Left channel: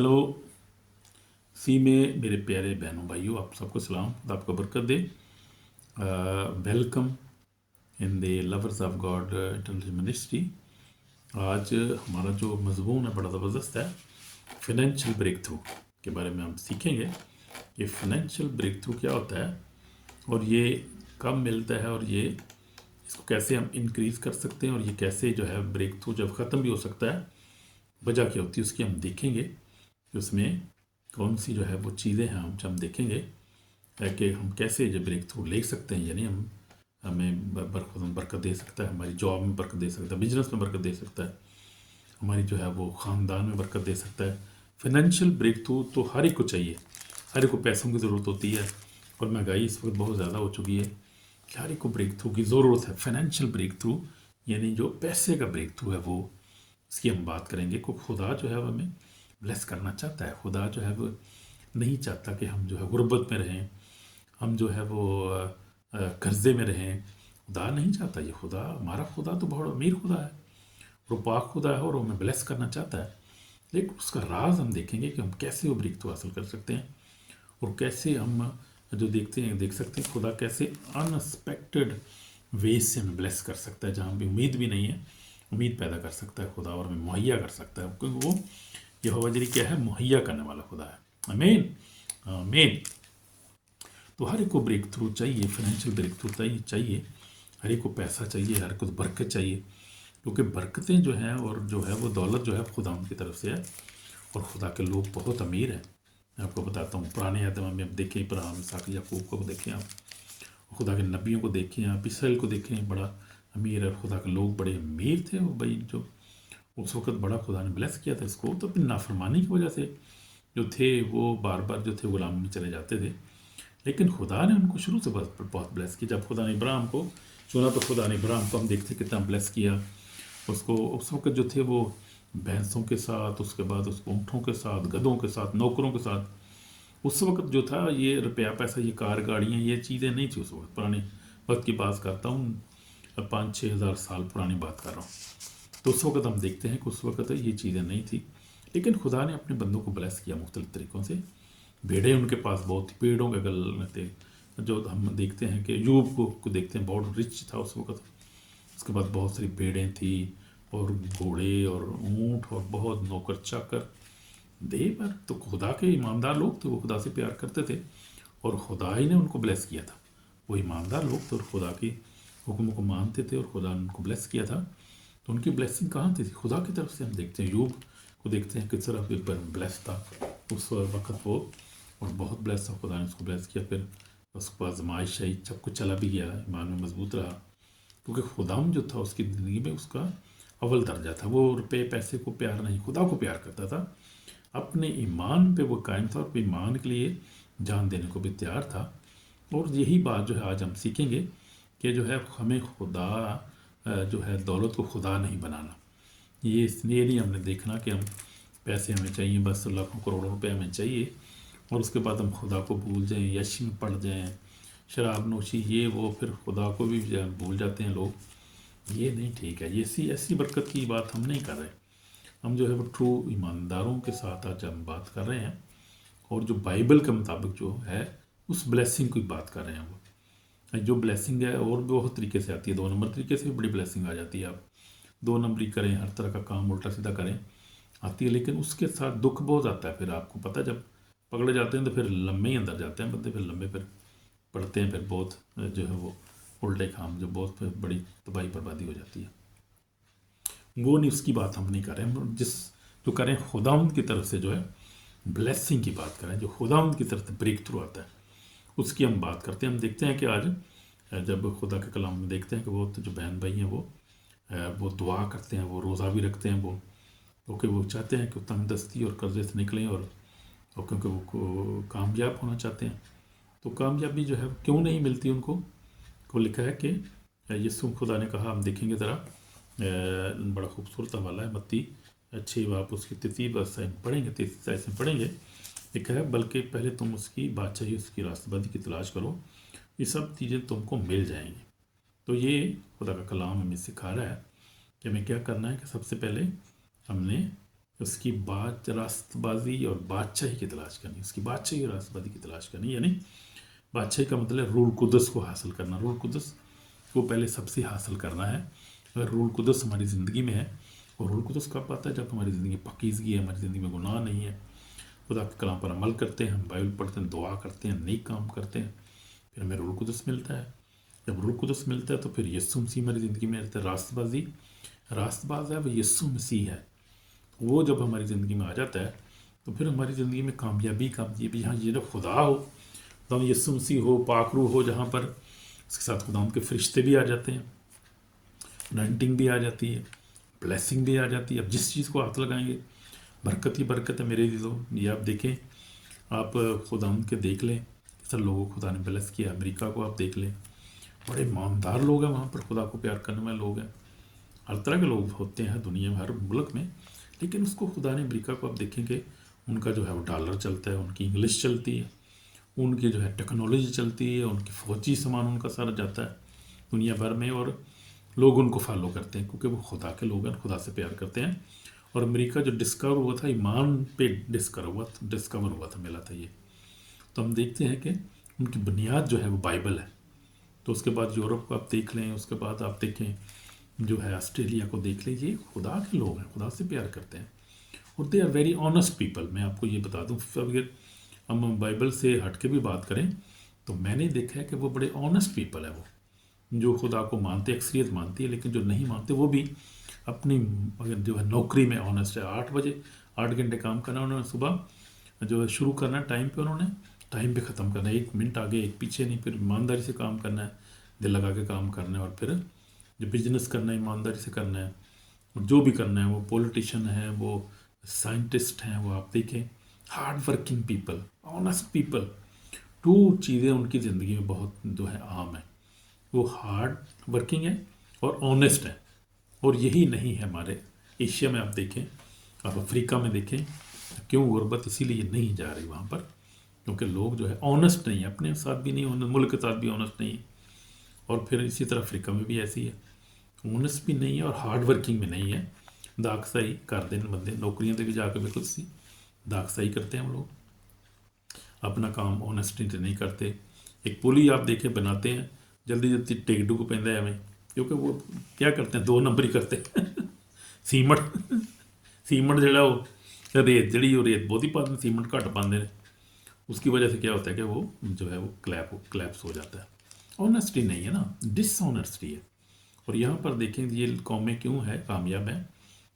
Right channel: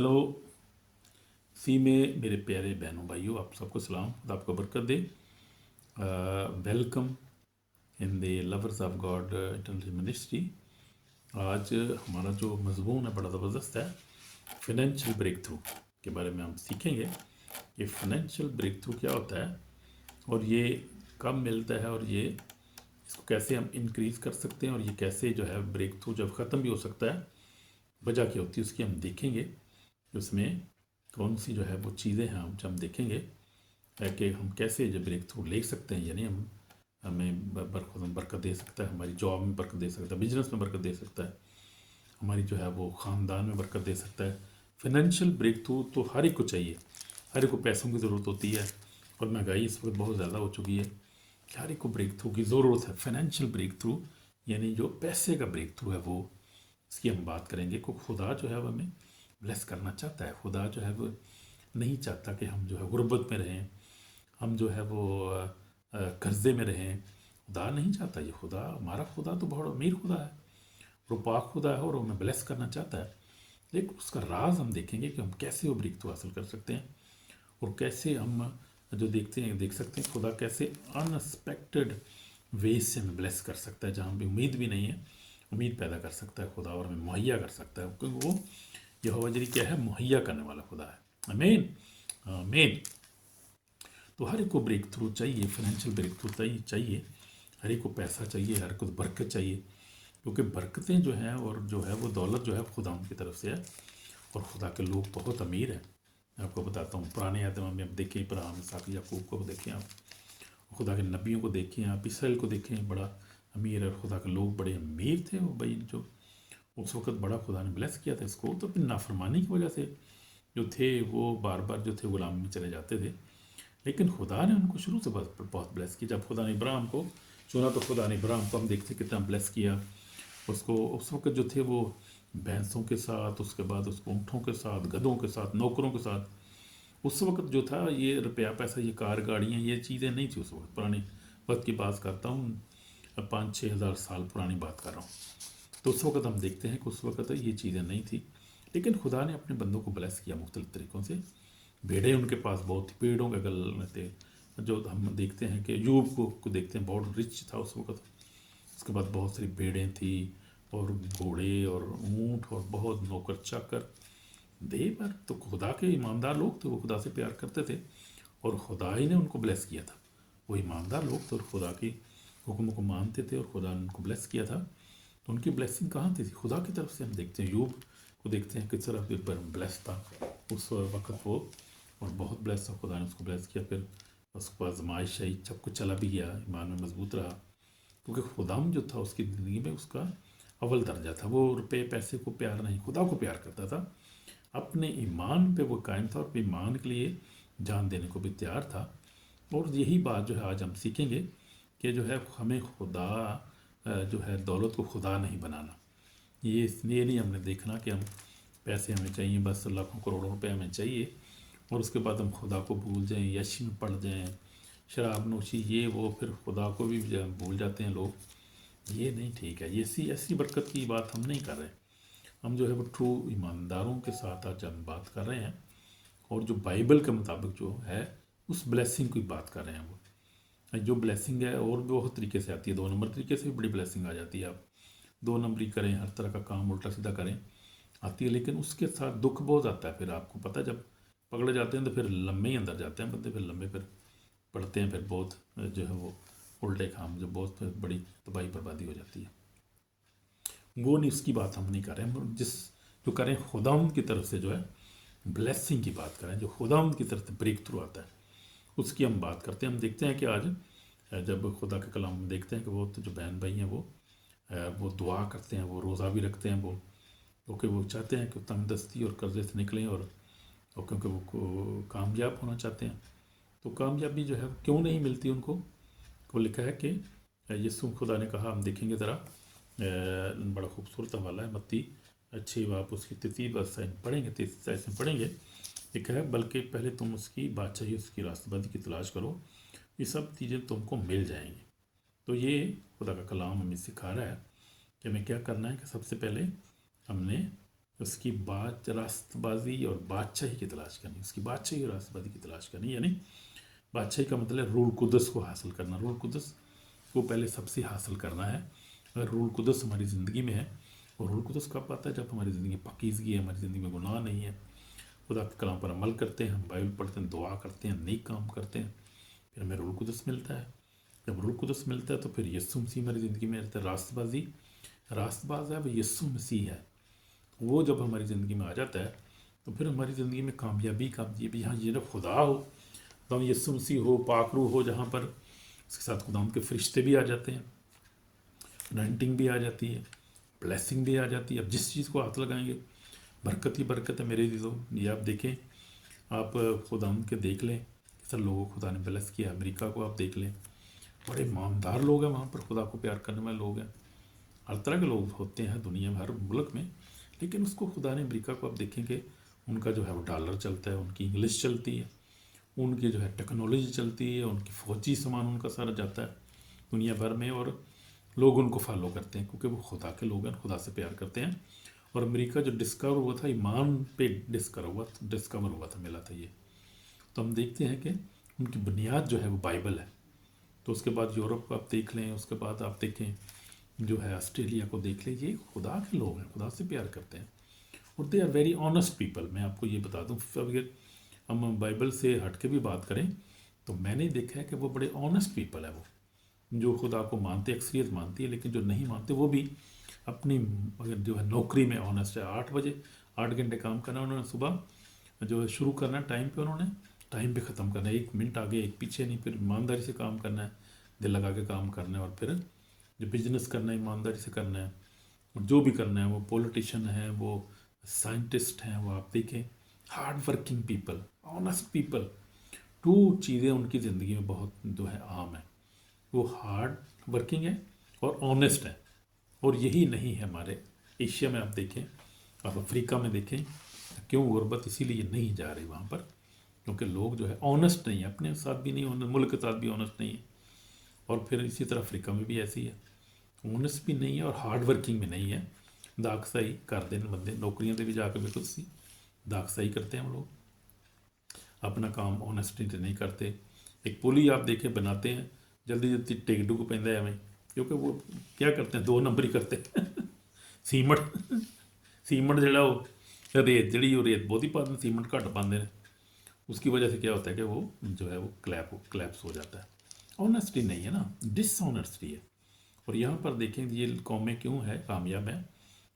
Hello सी में मेरे प्यारे बहनों भाइयों, आप सबको सलाम। खुदा आपको बरकत दे। Welcome in the lovers of God international ministry. आज हमारा जो मजमून है बड़ा ज़बरदस्त है। फाइनेंशियल ब्रेक थ्रू के बारे में हम सीखेंगे कि फाइनेंशियल ब्रेक थ्रू क्या होता है और ये कब मिलता है और ये इसको कैसे हम इंक्रीज़ कर सकते हैं और ये कैसे जो है ब्रेक थ्रू जब ख़त्म भी हो सकता है, वजह क्या होती है उसकी हम देखेंगे। तो उसमें कौन सी जो है वो चीज़ें हैं हम देखेंगे कि हम कैसे जो ब्रेक थ्रू ले सकते हैं, यानी हमें बरकत दे सकता है, हमारी जॉब में बरकत दे सकता है, बिजनेस में बरकत दे सकता है, हमारी जो है वो ख़ानदान में बरकत दे सकता है। फाइनेंशियल ब्रेक थ्रू तो हर एक को चाहिए, हर एक को पैसों की ज़रूरत होती है और महंगाई इस वक्त बहुत ज़्यादा हो चुकी है कि हर एक को ब्रेक थ्रू की ज़रूरत है। फाइनेंशियल ब्रेक थ्रू यानी जो पैसे का ब्रेक थ्रू है वो, इसकी हम बात करेंगे। को खुदा जो है वो हमें ब्लेस करना चाहता है। खुदा जो है वो नहीं चाहता कि हम जो है गुर्बत में रहें, हम जो है वो कर्जे में रहें। खुदा नहीं चाहता ये। खुदा, हमारा खुदा तो बहुत अमीर खुदा है, वो पाक खुदा है और वो हमें ब्लेस करना चाहता है। लेकिन उसका राज हम देखेंगे कि हम कैसे वो ब्रेक थ्रू हासिल कर सकते हैं और कैसे हम जो देख सकते हैं खुदा कैसे अनएक्सपेक्टेड वेज से हमें ब्लेस कर सकता है, जहाँ भी उम्मीद भी नहीं है, उम्मीद पैदा कर सकता है खुदा और हमें मुहैया कर सकता है, क्योंकि वो यहोवा जरी क्या है, मुहैया करने वाला खुदा है। आमीन आमीन। तो हर एक को ब्रेक थ्रू चाहिए, फाइनेंशियल ब्रेक थ्रू चाहिए, हर एक को पैसा चाहिए, हर एक को बरकत चाहिए, क्योंकि बरकतें जो हैं और जो है वो दौलत जो है खुदा उनकी तरफ से है और खुदा के लोग बहुत अमीर हैं। मैं आपको बताता हूँ, पुराने आदम में देखें, इब्राहिम, इसहाक, याकूब को देखें आप, खुदा के नबियों को देखें आप, इसराइल को देखें, बड़ा अमीर है। खुदा के लोग बड़े अमीर थे और भाई जो उस वक्त बड़ा खुदा ने ब्लेस किया था इसको, तो अपनी नाफरमानी की वजह से जो थे वो बार बार जो थे गुलामी में चले जाते थे। लेकिन खुदा ने उनको शुरू से बहुत ब्लेस किया। जब खुदा ने इब्राहिम को चुना तो खुदा ने इब्राहिम को हम देखते कितना ब्लेस किया उसको। उस वक्त जो थे वो भैंसों के साथ, उसके बाद उसको ऊँटों के साथ, गधों के साथ, नौकरों के साथ। उस वक्त जो था ये रुपया पैसा, ये कार गाड़ियाँ, ये चीज़ें नहीं थी उस वक्त। पुराने वक्त की बात करता हूँ, 5-6 हज़ार साल पुरानी बात कर रहा हूँ। तो उस वक्त हम देखते हैं कि उस वक्त ये चीज़ें नहीं थी, लेकिन खुदा ने अपने बंदों को ब्लेस किया मुख्तलिफ तरीक़ों से। भेड़ें उनके पास बहुत थी, पेड़ों के गल में थे। जो हम देखते हैं कि यूब को देखते हैं, बहुत रिच था उस वक्त। उसके बाद बहुत सारी भेड़ें थी और घोड़े और ऊँट और बहुत नौकर चाकर दे पर। तो खुदा के ईमानदार लोग थे, वो खुदा से प्यार करते थे और खुदा ही ने उनको ब्लेस किया था। वो ईमानदार लोग थे और खुदा के हुक्म को मानते थे और खुदा ने उनको ब्लेस किया था। तो उनकी ब्लेसिंग कहाँ थी? खुदा की तरफ से। हम देखते हैं यूब को देखते हैं किस तरह ब्लेस था उस वक्त वो, और बहुत ब्लेस था, खुदा ने उसको ब्लेस किया। फिर उसके बाद आजमाइश आई, सब कुछ चला भी गया, ईमान में मजबूत रहा, क्योंकि खुदाम जो था उसकी ज़िंदगी में उसका अव्वल दर्जा था। वो रुपये पैसे को प्यार नहीं, खुदा को प्यार करता था। अपने ईमान पे वो कायम था, अपने ईमान के लिए जान देने को भी तैयार था। और यही बात जो है आज हम सीखेंगे कि जो है हमें खुदा जो है दौलत को खुदा नहीं बनाना। ये इसलिए नहीं हमने देखना कि हम पैसे हमें चाहिए, बस लाखों करोड़ों रुपए हमें चाहिए और उसके बाद हम खुदा को भूल जाएं, यश में पड़ जाएं, शराब नोशी ये वो, फिर खुदा को भी भूल जाते हैं लोग। ये नहीं ठीक है। ये ऐसी बरकत की बात हम नहीं कर रहे। हम जो है वो ट्रू ईमानदारों के साथ आज हम बात कर रहे हैं और जो बाइबल के मुताबिक जो है उस ब्लेसिंग की बात कर रहे हैं। हम जो ब्लेसिंग है और बहुत तरीके से आती है, 2 नंबर तरीके से भी बड़ी ब्लेसिंग आ जाती है। आप 2 नंबरी करें, हर तरह का काम उल्टा सीधा करें, आती है। लेकिन उसके साथ दुख बहुत आता है। फिर आपको पता, जब पकड़े जाते हैं तो फिर लम्बे ही अंदर जाते हैं बंदे, फिर लंबे फिर पड़ते हैं, फिर बहुत जो है वो उल्टे काम, जो बहुत फिर बड़ी तबाही बर्बादी हो जाती है। वो नहीं, उसकी बात हम नहीं कर रहे। हम जो करें खुदावंद की तरफ से जो है ब्लेसिंग की बात करें, जो खुदावंद की तरफ से ब्रेक थ्रू आता है उसकी हम बात करते हैं। हम देखते हैं कि आज जब खुदा के कलाम में देखते हैं कि वो तो जो बहन भाई हैं वो दुआ करते हैं, वो रोज़ा भी रखते हैं, वो क्योंकि वो चाहते हैं कि तंगदस्ती और कर्जे से निकलें और क्योंकि वो कामयाब होना चाहते हैं। तो कामयाबी जो है क्यों नहीं मिलती उनको, को लिखा है कि यीशु खुदा ने कहा, हम देखेंगे ज़रा, बड़ा खूबसूरत हवाला है, मत्ती 6 आप उसकी 33 पढ़ेंगे, 33 में पढ़ेंगे। लिखा है, बल्कि पहले तुम उसकी बादशाही, उसकी रास्तबादी की तलाश करो, ये सब चीज़ें तुमको मिल जाएंगी। तो ये खुदा का कलाम हमें सिखा रहा है कि हमें क्या करना है कि सबसे पहले हमने اس کی راست بازی اور بادشاہی کی تلاش کرنی، اس کی بادشاہی اور راست بازی کی تلاش کرنی، یعنی بادشاہی کا مطلب رول قدس کو حاصل کرنا، رول قدس کو پہلے سب سے حاصل کرنا ہے۔ اگر رول قدس ہماری زندگی میں ہے، اور رول قدس کب آتا ہے؟ جب ہماری زندگی پاکیزگی ہے، ہماری زندگی میں گناہ نہیں ہے، خدا کے کلام پر عمل کرتے ہیں، ہم بائبل پڑھتے ہیں، دعا کرتے ہیں، نیک کام کرتے ہیں، پھر ہمیں رول قدس ملتا ہے۔ جب رول قدس ملتا ہے تو پھر یسوع مسیح ہماری زندگی میں رہتا ہے۔ راست باز ہے وہ یسوع مسیح ہے، وہ جب ہماری زندگی میں آ جاتا ہے تو پھر ہماری زندگی میں کامیابی ہاں، یہ جب خدا ہو تو یسوع مسیح ہو، پاک روح ہو جہاں پر، اس کے ساتھ خدا کے فرشتے بھی آ جاتے ہیں، انائنٹنگ بھی آ جاتی ہے، بلیسنگ بھی آ جاتی ہے۔ اب جس چیز کو ہاتھ لگائیں گے برکت ہی برکت ہے میرے عزیزو۔ یہ آپ دیکھیں، آپ خدا کے دیکھ لیں سب لوگوں کو خدا نے بلیس کیا۔ امریکہ کو آپ دیکھ لیں، بڑے ایماندار لوگ ہیں وہاں پر، خدا کو پیار کرنے والے لوگ ہیں، ہر طرح کے لوگ ہوتے ہیں دنیا میں، ہر ملک میں، لیکن اس کو خدا نے، امریکہ کو آپ دیکھیں گے ان کا جو ہے وہ ڈالر چلتا ہے، ان کی انگلش چلتی ہے، ان کی جو ہے ٹیکنالوجی چلتی ہے، ان کی فوجی سامان ان کا سارا جاتا ہے دنیا بھر میں، اور لوگ ان کو فالو کرتے ہیں کیونکہ وہ خدا کے لوگ ہیں، خدا سے پیار کرتے ہیں۔ اور امریکہ جو ڈسکور ہوا تھا، ایمان پہ ڈسکور ہوا تھا، ملا تھا یہ۔ تو ہم دیکھتے ہیں کہ ان کی بنیاد جو ہے وہ بائبل ہے۔ تو اس کے بعد یورپ کو آپ دیکھ لیں، اس کے بعد آپ دیکھیں جو ہے آسٹریلیا کو دیکھ لیں، یہ خدا کے لوگ ہیں، خدا سے پیار کرتے ہیں، اور they are very honest people. میں آپ کو یہ بتا دوں، اگر ہم بائبل سے ہٹ کے بھی بات کریں تو میں نے دیکھا ہے کہ وہ بڑے آنیسٹ پیپل ہیں، وہ جو خدا کو مانتے، اکثریت مانتی ہے، لیکن جو نہیں مانتے وہ بھی اپنی جو ہے نوکری میں آنیسٹ ہے۔ 8 گھنٹے کام کرنا انہوں نے، صبح جو ہے شروع کرنا ٹائم پہ، انہوں نے ٹائم پہ ختم کرنا ہے، 1 منٹ آگے 1 پیچھے نہیں، پھر ایمانداری سے کام کرنا ہے، دل لگا کے کام کرنا ہے، اور پھر جو بزنس کرنا ہے ایمانداری سے کرنا ہے، اور جو بھی کرنا ہے، وہ پولیٹیشین ہیں، وہ سائنٹسٹ ہیں، وہ آپ دیکھیں hard working people, honest people. 2 چیزیں ان کی زندگی میں بہت جو ہے عام ہیں، وہ ہارڈ ورکنگ ہے اور آنیسٹ ہے، اور یہی نہیں ہے ہمارے ایشیا میں۔ آپ دیکھیں، آپ افریقہ میں دیکھیں، کیوں غربت اسی لیے نہیں جا رہی وہاں پر، کیونکہ لوگ جو ہے آنیسٹ نہیں ہیں، اپنے ساتھ بھی نہیں، ملک کے ساتھ بھی آنیسٹ نہیں ہے، اور پھر اسی طرح افریقہ میں بھی ایسی ہے، آنیسٹ بھی نہیں ہے اور ہارڈ ورکنگ بھی نہیں ہے، داغسائی کر دیں بندے، نوکریوں سے بھی جا کے بالکل سی داغسائی کرتے ہیں وہ لوگ، اپنا کام آنیسٹی سے نہیں کرتے۔ ایک پل ہی آپ دیکھیں بناتے ہیں، جلدی جلدی ٹیک ڈو کو پہنتے ہیں ہمیں، کیونکہ وہ کیا کرتے ہیں، 2 نمبر ہی کرتے ہیں سیمنٹ جڑا وہ ریت جڑی، وہ ریت بہت ہی پاتے ہیں، سیمنٹ گھٹ پاتے ہیں، اس کی وجہ سے کیا ہوتا ہے کہ وہ جو ہے وہ کلیپس ہو جاتا ہے۔ آنیسٹی نہیں ہے نا، ڈس آنیسٹی ہے۔ اور یہاں پر دیکھیں یہ قومیں کیوں ہے کامیاب ہیں،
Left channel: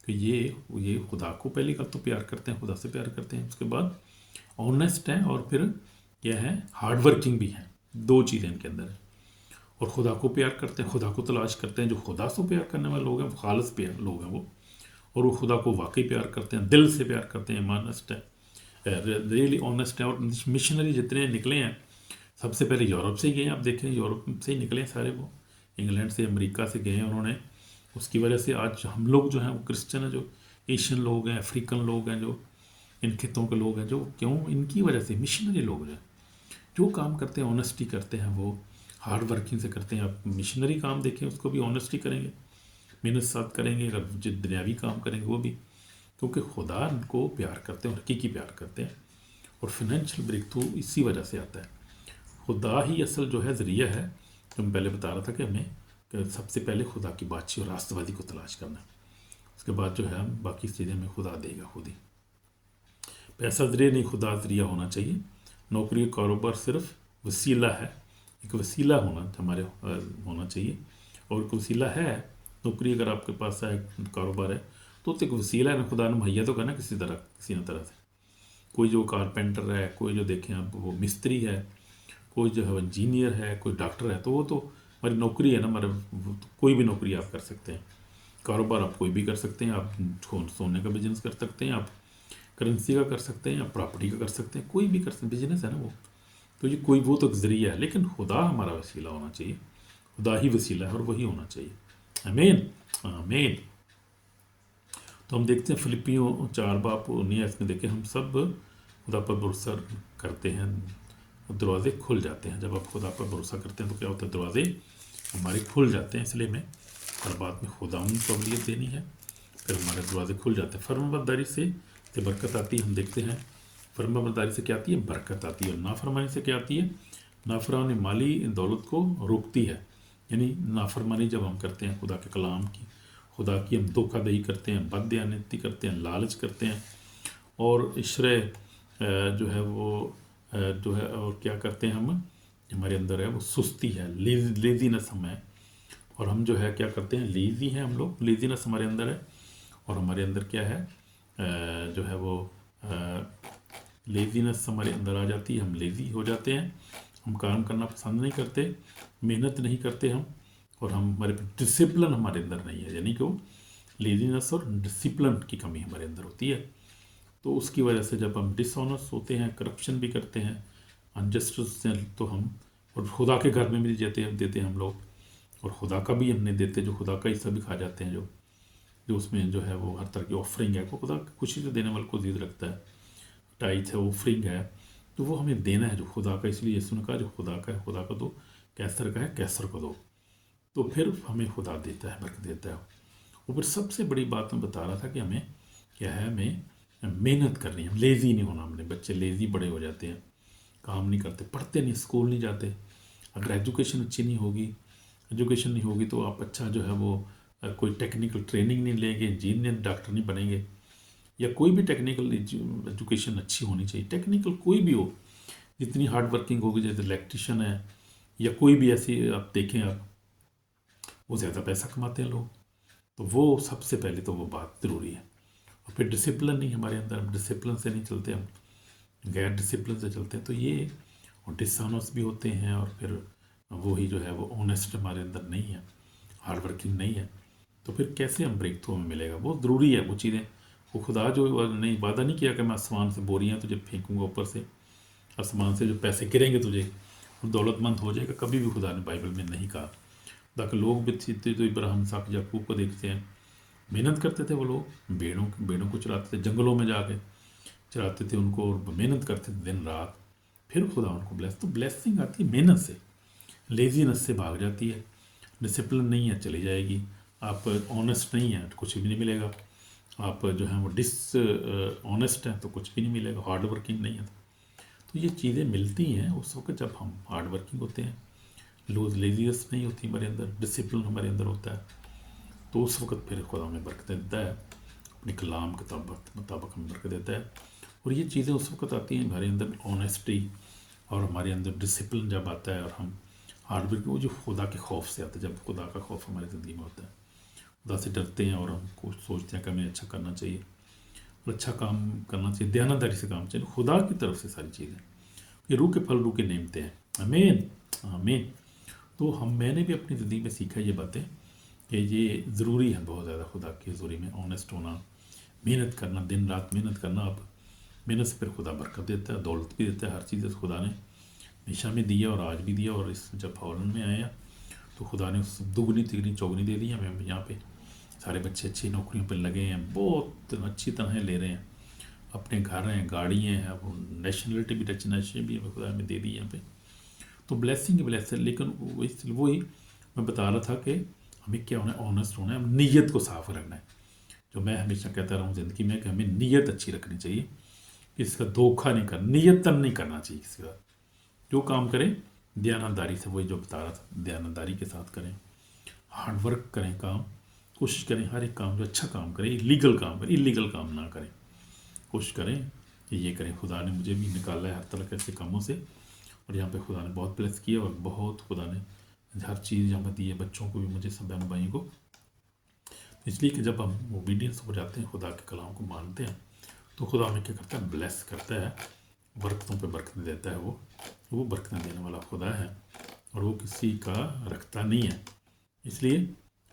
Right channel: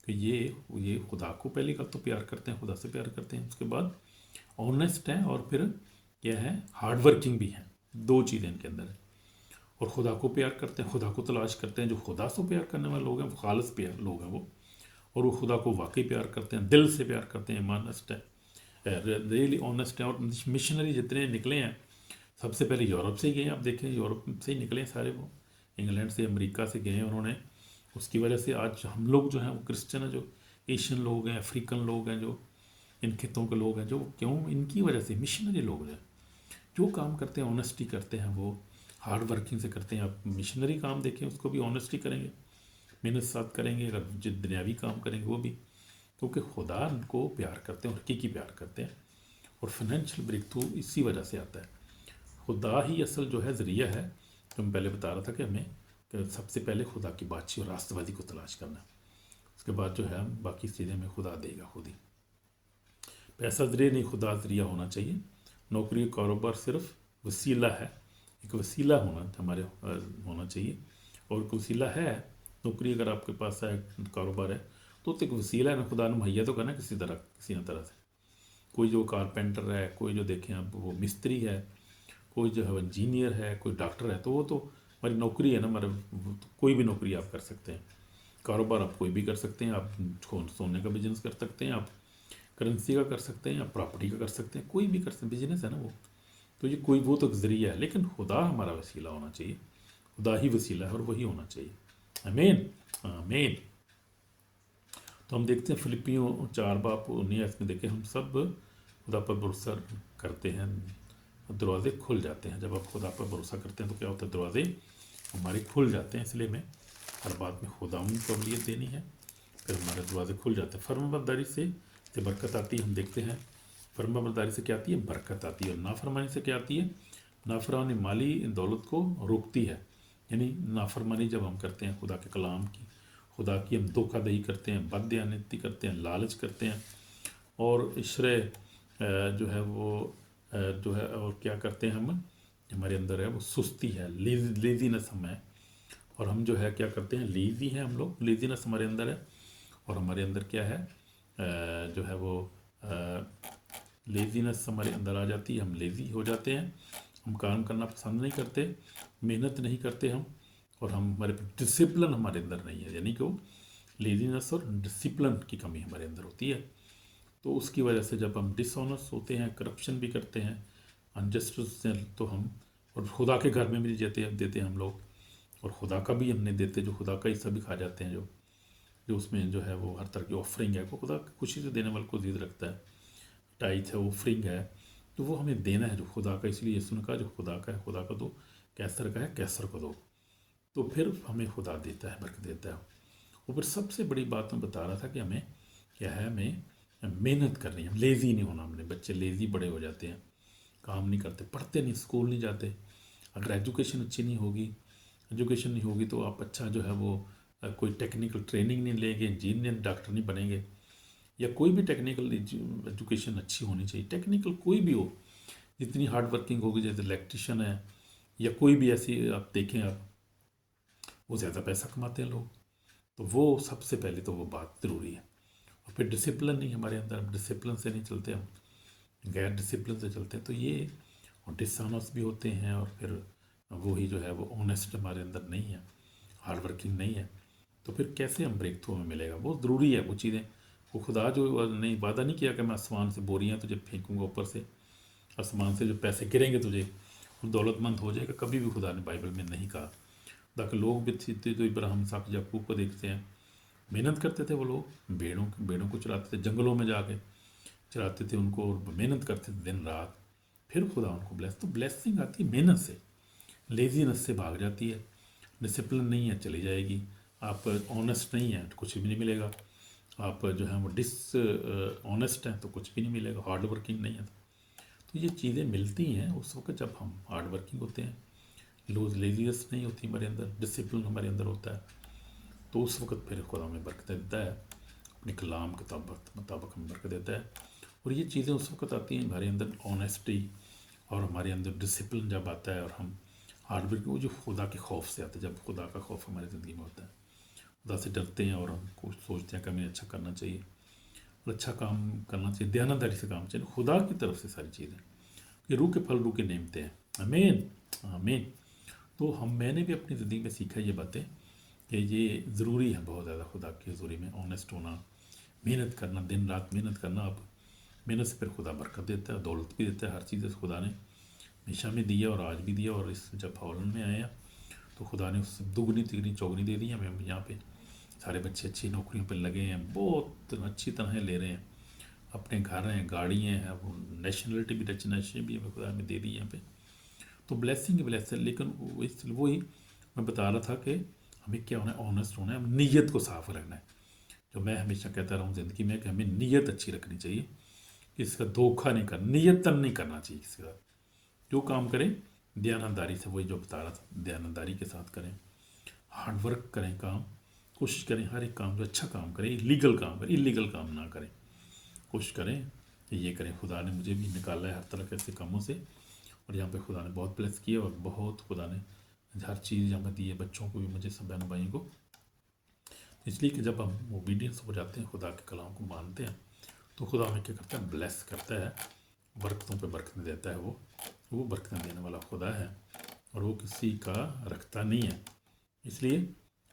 کہ یہ خدا کو پہلی بات تو پیار کرتے ہیں، خدا سے پیار کرتے ہیں، اس کے بعد آنیسٹ ہیں، اور پھر یہ ہے ہارڈ ورکنگ بھی ہیں، 2 چیزیں ان کے اندر ہیں، اور خدا کو پیار کرتے ہیں، خدا کو تلاش کرتے ہیں۔ جو خدا سے پیار کرنے والے لوگ ہیں وہ خالص پیار لوگ ہیں وہ، اور وہ خدا کو واقعی پیار کرتے ہیں، دل سے پیار کرتے ہیں، آنیسٹ ہے، ریئلی آنیسٹ ہے۔ اور مشنری جتنے نکلے ہیں سب سے پہلے یورپ سے ہی گئے ہیں، آپ دیکھیں یورپ سے ہی نکلے ہیں سارے، وہ انگلینڈ سے، امریکہ سے گئے ہیں انہوں نے، اس کی وجہ سے آج ہم لوگ جو ہیں وہ کرسچن ہیں، جو ایشین لوگ ہیں، افریقن لوگ ہیں، جو ان خطوں کے لوگ ہیں، جو کیوں ان کی وجہ سے مشنری لوگ ہیں، جو کام کرتے ہیں آنیسٹی کرتے ہیں، وہ ہارڈ ورکنگ سے کرتے ہیں۔ آپ مشنری کام دیکھیں، اس کو بھی آنیسٹی کریں گے، محنت ساتھ کریں گے، اگر جو دنیاوی کام کریں گے وہ بھی، کیونکہ خدا ان کو پیار کرتے ہیں اور حقیقی پیار کرتے ہیں۔ اور فائنینشیل بریک تھرو اسی وجہ سے آتا ہے، خدا ہی اصل جو ہے ذریعہ ہے، جو میں پہلے بتا رہا تھا کہ ہمیں کہ سب سے پہلے خدا کی بادشاہی اور راست بازی کو تلاش کرنا ہے، اس کے بعد جو ہے باقی چیزیں ہمیں خدا دے گا خود ہی۔ پیسہ ذریعہ نہیں، خدا ذریعہ ہونا چاہیے۔ نوکری کاروبار صرف وسیلہ ہے، ایک وسیلہ ہمارے ہونا چاہیے، اور ایک وسیلہ ہے نوکری، اگر آپ کے پاس ہے کاروبار ہے تو ایک وسیلہ ہے نا، خدا نے مہیا تو کرنا کسی نہ طرح سے۔ کوئی جو کارپینٹر ہے، کوئی جو دیکھیں آپ وہ مستری ہے، کوئی جو ہے انجینئر ہے، کوئی ڈاکٹر ہے، تو وہ تو ہماری نوکری ہے نا، ہمارے کوئی بھی نوکری آپ کر سکتے ہیں، کاروبار آپ کوئی بھی کر سکتے ہیں، آپ سونے کا بزنس کر سکتے ہیں، آپ کرنسی کا کر سکتے ہیں، یا پراپرٹی کا کر سکتے ہیں، کوئی بھی کر سکتے ہیں، بزنس ہے نا وہ، تو یہ کوئی وہ تو ایک ذریعہ ہے، لیکن خدا ہمارا وسیلہ ہونا چاہیے، خدا ہی وسیلہ ہے اور وہی ہونا چاہیے۔ آمین آمین۔ تو ہم دیکھتے ہیں فلپیوں 4:19 میں دیکھیں، ہم سب خدا پر بھروسہ کرتے ہیں، دروازے کھل جاتے ہیں۔ جب آپ خدا پر بھروسہ کرتے ہیں تو کیا ہوتا ہے، دروازے ہمارے کھل جاتے ہیں۔ اس لیے میں ہر بات میں خدا ان کو قبولیت دینی ہے، फिर हमारे दरवाजे खुल जाते हैं। फर्माबरदारी से तो बरकत आती है, हम देखते हैं फर्माबरदारी से क्या आती है, बरकत आती है। और नाफरमानी से क्या आती है, नाफरमानी माली दौलत को रोकती है। यानी नाफरमानी जब हम करते हैं खुदा के कलाम की, खुदा की हम धोखाधड़ी करते हैं, बददयानती करते हैं, लालच करते हैं, और इश्रे जो है वो जो है, और क्या करते हैं हम, हमारे अंदर है वो सुस्ती है, लेजीनेस हम है, और हम जो है क्या करते हैं, लेज़ी हैं हम लोग, लेजीनेस हमारे अंदर है, और हमारे अंदर क्या है जो है वो लेजीनेस हमारे अंदर आ जाती है, हम लेज़ी हो जाते हैं, हम काम करना पसंद नहीं करते, मेहनत नहीं करते हम, और हम हमारे डिसिप्लिन हमारे अंदर नहीं है, यानी कि वो लेजीनेस और डिसिप्लिन की कमी हमारे अंदर होती है। तो उसकी वजह से जब हम डिसऑनेस्ट होते हैं, करप्शन भी करते हैं, अनजस्टिस, तो हम और खुदा के घर में भी देते हैं हम लोग, और खुदा का भी हमने देते, जो खुदा का हिस्सा भी खा जाते हैं, जो उसमें जो है वो हर तरह की ऑफरिंग है, वो खुदा खुशी से देने वाले को जीत रखता है, टाइथ है, ऑफरिंग है, तो वो हमें देना है जो खुदा का। इसलिए यीशु ने कहा जो खुदा का है खुदा को दो, कैसर का है कैसर को दो, तो फिर हमें खुदा देता है, बरकत देता है। ऊपर सबसे बड़ी बात मैं बता रहा था कि हमें क्या है, हमें मेहनत करनी है, लेज़ी नहीं होना। हमने बच्चे लेज़ी बड़े हो जाते हैं, काम नहीं करते, पढ़ते नहीं, स्कूल नहीं जाते। अगर एजुकेशन अच्छी नहीं होगी, एजुकेशन नहीं होगी तो आप अच्छा जो है वो कोई टेक्निकल ट्रेनिंग नहीं लेंगे, इंजीनियर डॉक्टर नहीं बनेंगे, या कोई भी टेक्निकल एजुकेशन अच्छी होनी चाहिए, टेक्निकल कोई भी हो, जितनी हार्ड वर्किंग होगी, जैसे इलेक्ट्रिशियन है या कोई भी ऐसी आप देखें, आप वो ज़्यादा पैसा कमाते हैं लोग, तो वो सबसे पहले तो वो बात ज़रूरी है। और फिर डिसिप्लिन नहीं हमारे अंदर, हम डिसिप्लिन से नहीं चलते, हम गैर डिसिप्लिन से चलते हैं, तो ये और डिसऑनेस्ट भी होते हैं, और फिर वही जो है वो ऑनेस्ट हमारे अंदर नहीं है, हार्ड वर्किंग नहीं है, तो फिर कैसे हम ब्रेक थ्रू में मिलेगा। बहुत ज़रूरी है वो चीज़ें। वो खुदा जो नहीं वादा नहीं किया कि मैं आसमान से बोरियाँ तुझे फेंकूँगा ऊपर से, आसमान से जो पैसे गिरेंगे तुझे तो दौलतमंद हो जाएगा, कभी भी खुदा ने बाइबल में नहीं कहा। खुदा के लोग भी थे, तो इब्राहिम, इसहाक, याकूब को देखते हैं, मेहनत करते थे वो लोग, भेड़ों को चलाते थे, जंगलों में जाके चलाते थे उनको, और मेहनत करते थे दिन रात, फिर खुदा उनको ब्लेस। तो ब्लेसिंग आती है मेहनत से, लेजीनेस से भाग जाती है। डिसिप्लिन नहीं है, चली जाएगी। आप ऑनेस्ट नहीं है, कुछ भी नहीं मिलेगा। आप जो है वो ऑनेस्ट हैं तो कुछ भी नहीं मिलेगा। हार्ड वर्किंग नहीं है, तो ये चीज़ें मिलती हैं उस वक्त जब हम हार्ड वर्किंग होते हैं, लेजीनेस नहीं होती हमारे अंदर, डिसिप्लिन हमारे अंदर होता है, तो उस वक्त फिर खुदा हमें बरकत देता है, अपने कलाम के मुताबिक हमें बरकत देता है। और ये चीज़ें उस वक्त आती हैं हमारे अंदर ऑनेस्टी, और हमारे अंदर डिसिप्लिन जब आता है, और हम हार्ड वर्क, वो जो खुदा के खौफ से आता है, जब खुदा का खौफ हमारी ज़िंदगी में होता है, खुदा से डरते हैं, और हम कुछ सोचते हैं कि हमें अच्छा करना चाहिए, और अच्छा काम करना चाहिए, दयानतदारी से काम चाहिए, खुदा की तरफ से सारी चीज़ें, ये रूह के फल रूह के नेमते हैं। आमीन, आमीन। तो मैंने भी अपनी ज़िंदगी में सीखा ये बातें कि ये ज़रूरी है बहुत ज़्यादा, खुदा की हज़ूरी में ऑनेस्ट होना, मेहनत करना, दिन रात मेहनत करना। अब मेहनत से फिर खुदा बरकत देता है, दौलत भी देता है, हर चीज़ खुदा ने हमेशा में दिया और आज भी दिया, और इस जब हॉलैंड में आया तो खुदा ने उससे दुगनी तिगनी चौगनी दे दी हमें। यहाँ पे सारे बच्चे अच्छी नौकरियों पर लगे हैं, बहुत अच्छी तरह ले रहे हैं, अपने घर हैं, गाड़ियाँ हैं, वो नेशनलिटी भी, डच नेशनल भी हमें खुदा ने दे दी यहाँ पे। तो ब्लेसिंग ही ब्लेसिंग। लेकिन वही मैं बता रहा था कि हमें क्या होना है, ऑनेस्ट होना है, नीयत को साफ रखना है। जो मैं हमेशा कहता रहा हूँ ज़िंदगी में कि हमें नीयत अच्छी रखनी चाहिए, किसी का धोखा नहीं करना, नीयतन नहीं करना चाहिए किसी का। जो काम करें दयानतदारी से, वही जो बता रहा था, दयानतदारी के साथ करें, हार्ड वर्क करें, काम कोशिश करें, हर एक काम जो अच्छा काम करें, लीगल काम करें, इलीगल काम ना करें, कोशिश करें कि ये करें। खुदा ने मुझे भी निकाला है हर तरह के ऐसे कामों से, और यहाँ पे खुदा ने बहुत ब्लेस किया, और बहुत खुदा ने हर चीज़ यहाँ पर दी है, बच्चों को भी, मुझे, सब बहन भाई को। इसलिए कि जब हम ओबीडियंस हो जाते हैं, खुदा के कलाम को मानते हैं, तो खुदा हमें क्या करता है, ब्लेस करता है, बरकतों पे बरकत देता है। वो बरकत देने वाला खुदा है, और वो किसी का रखता नहीं है। इसलिए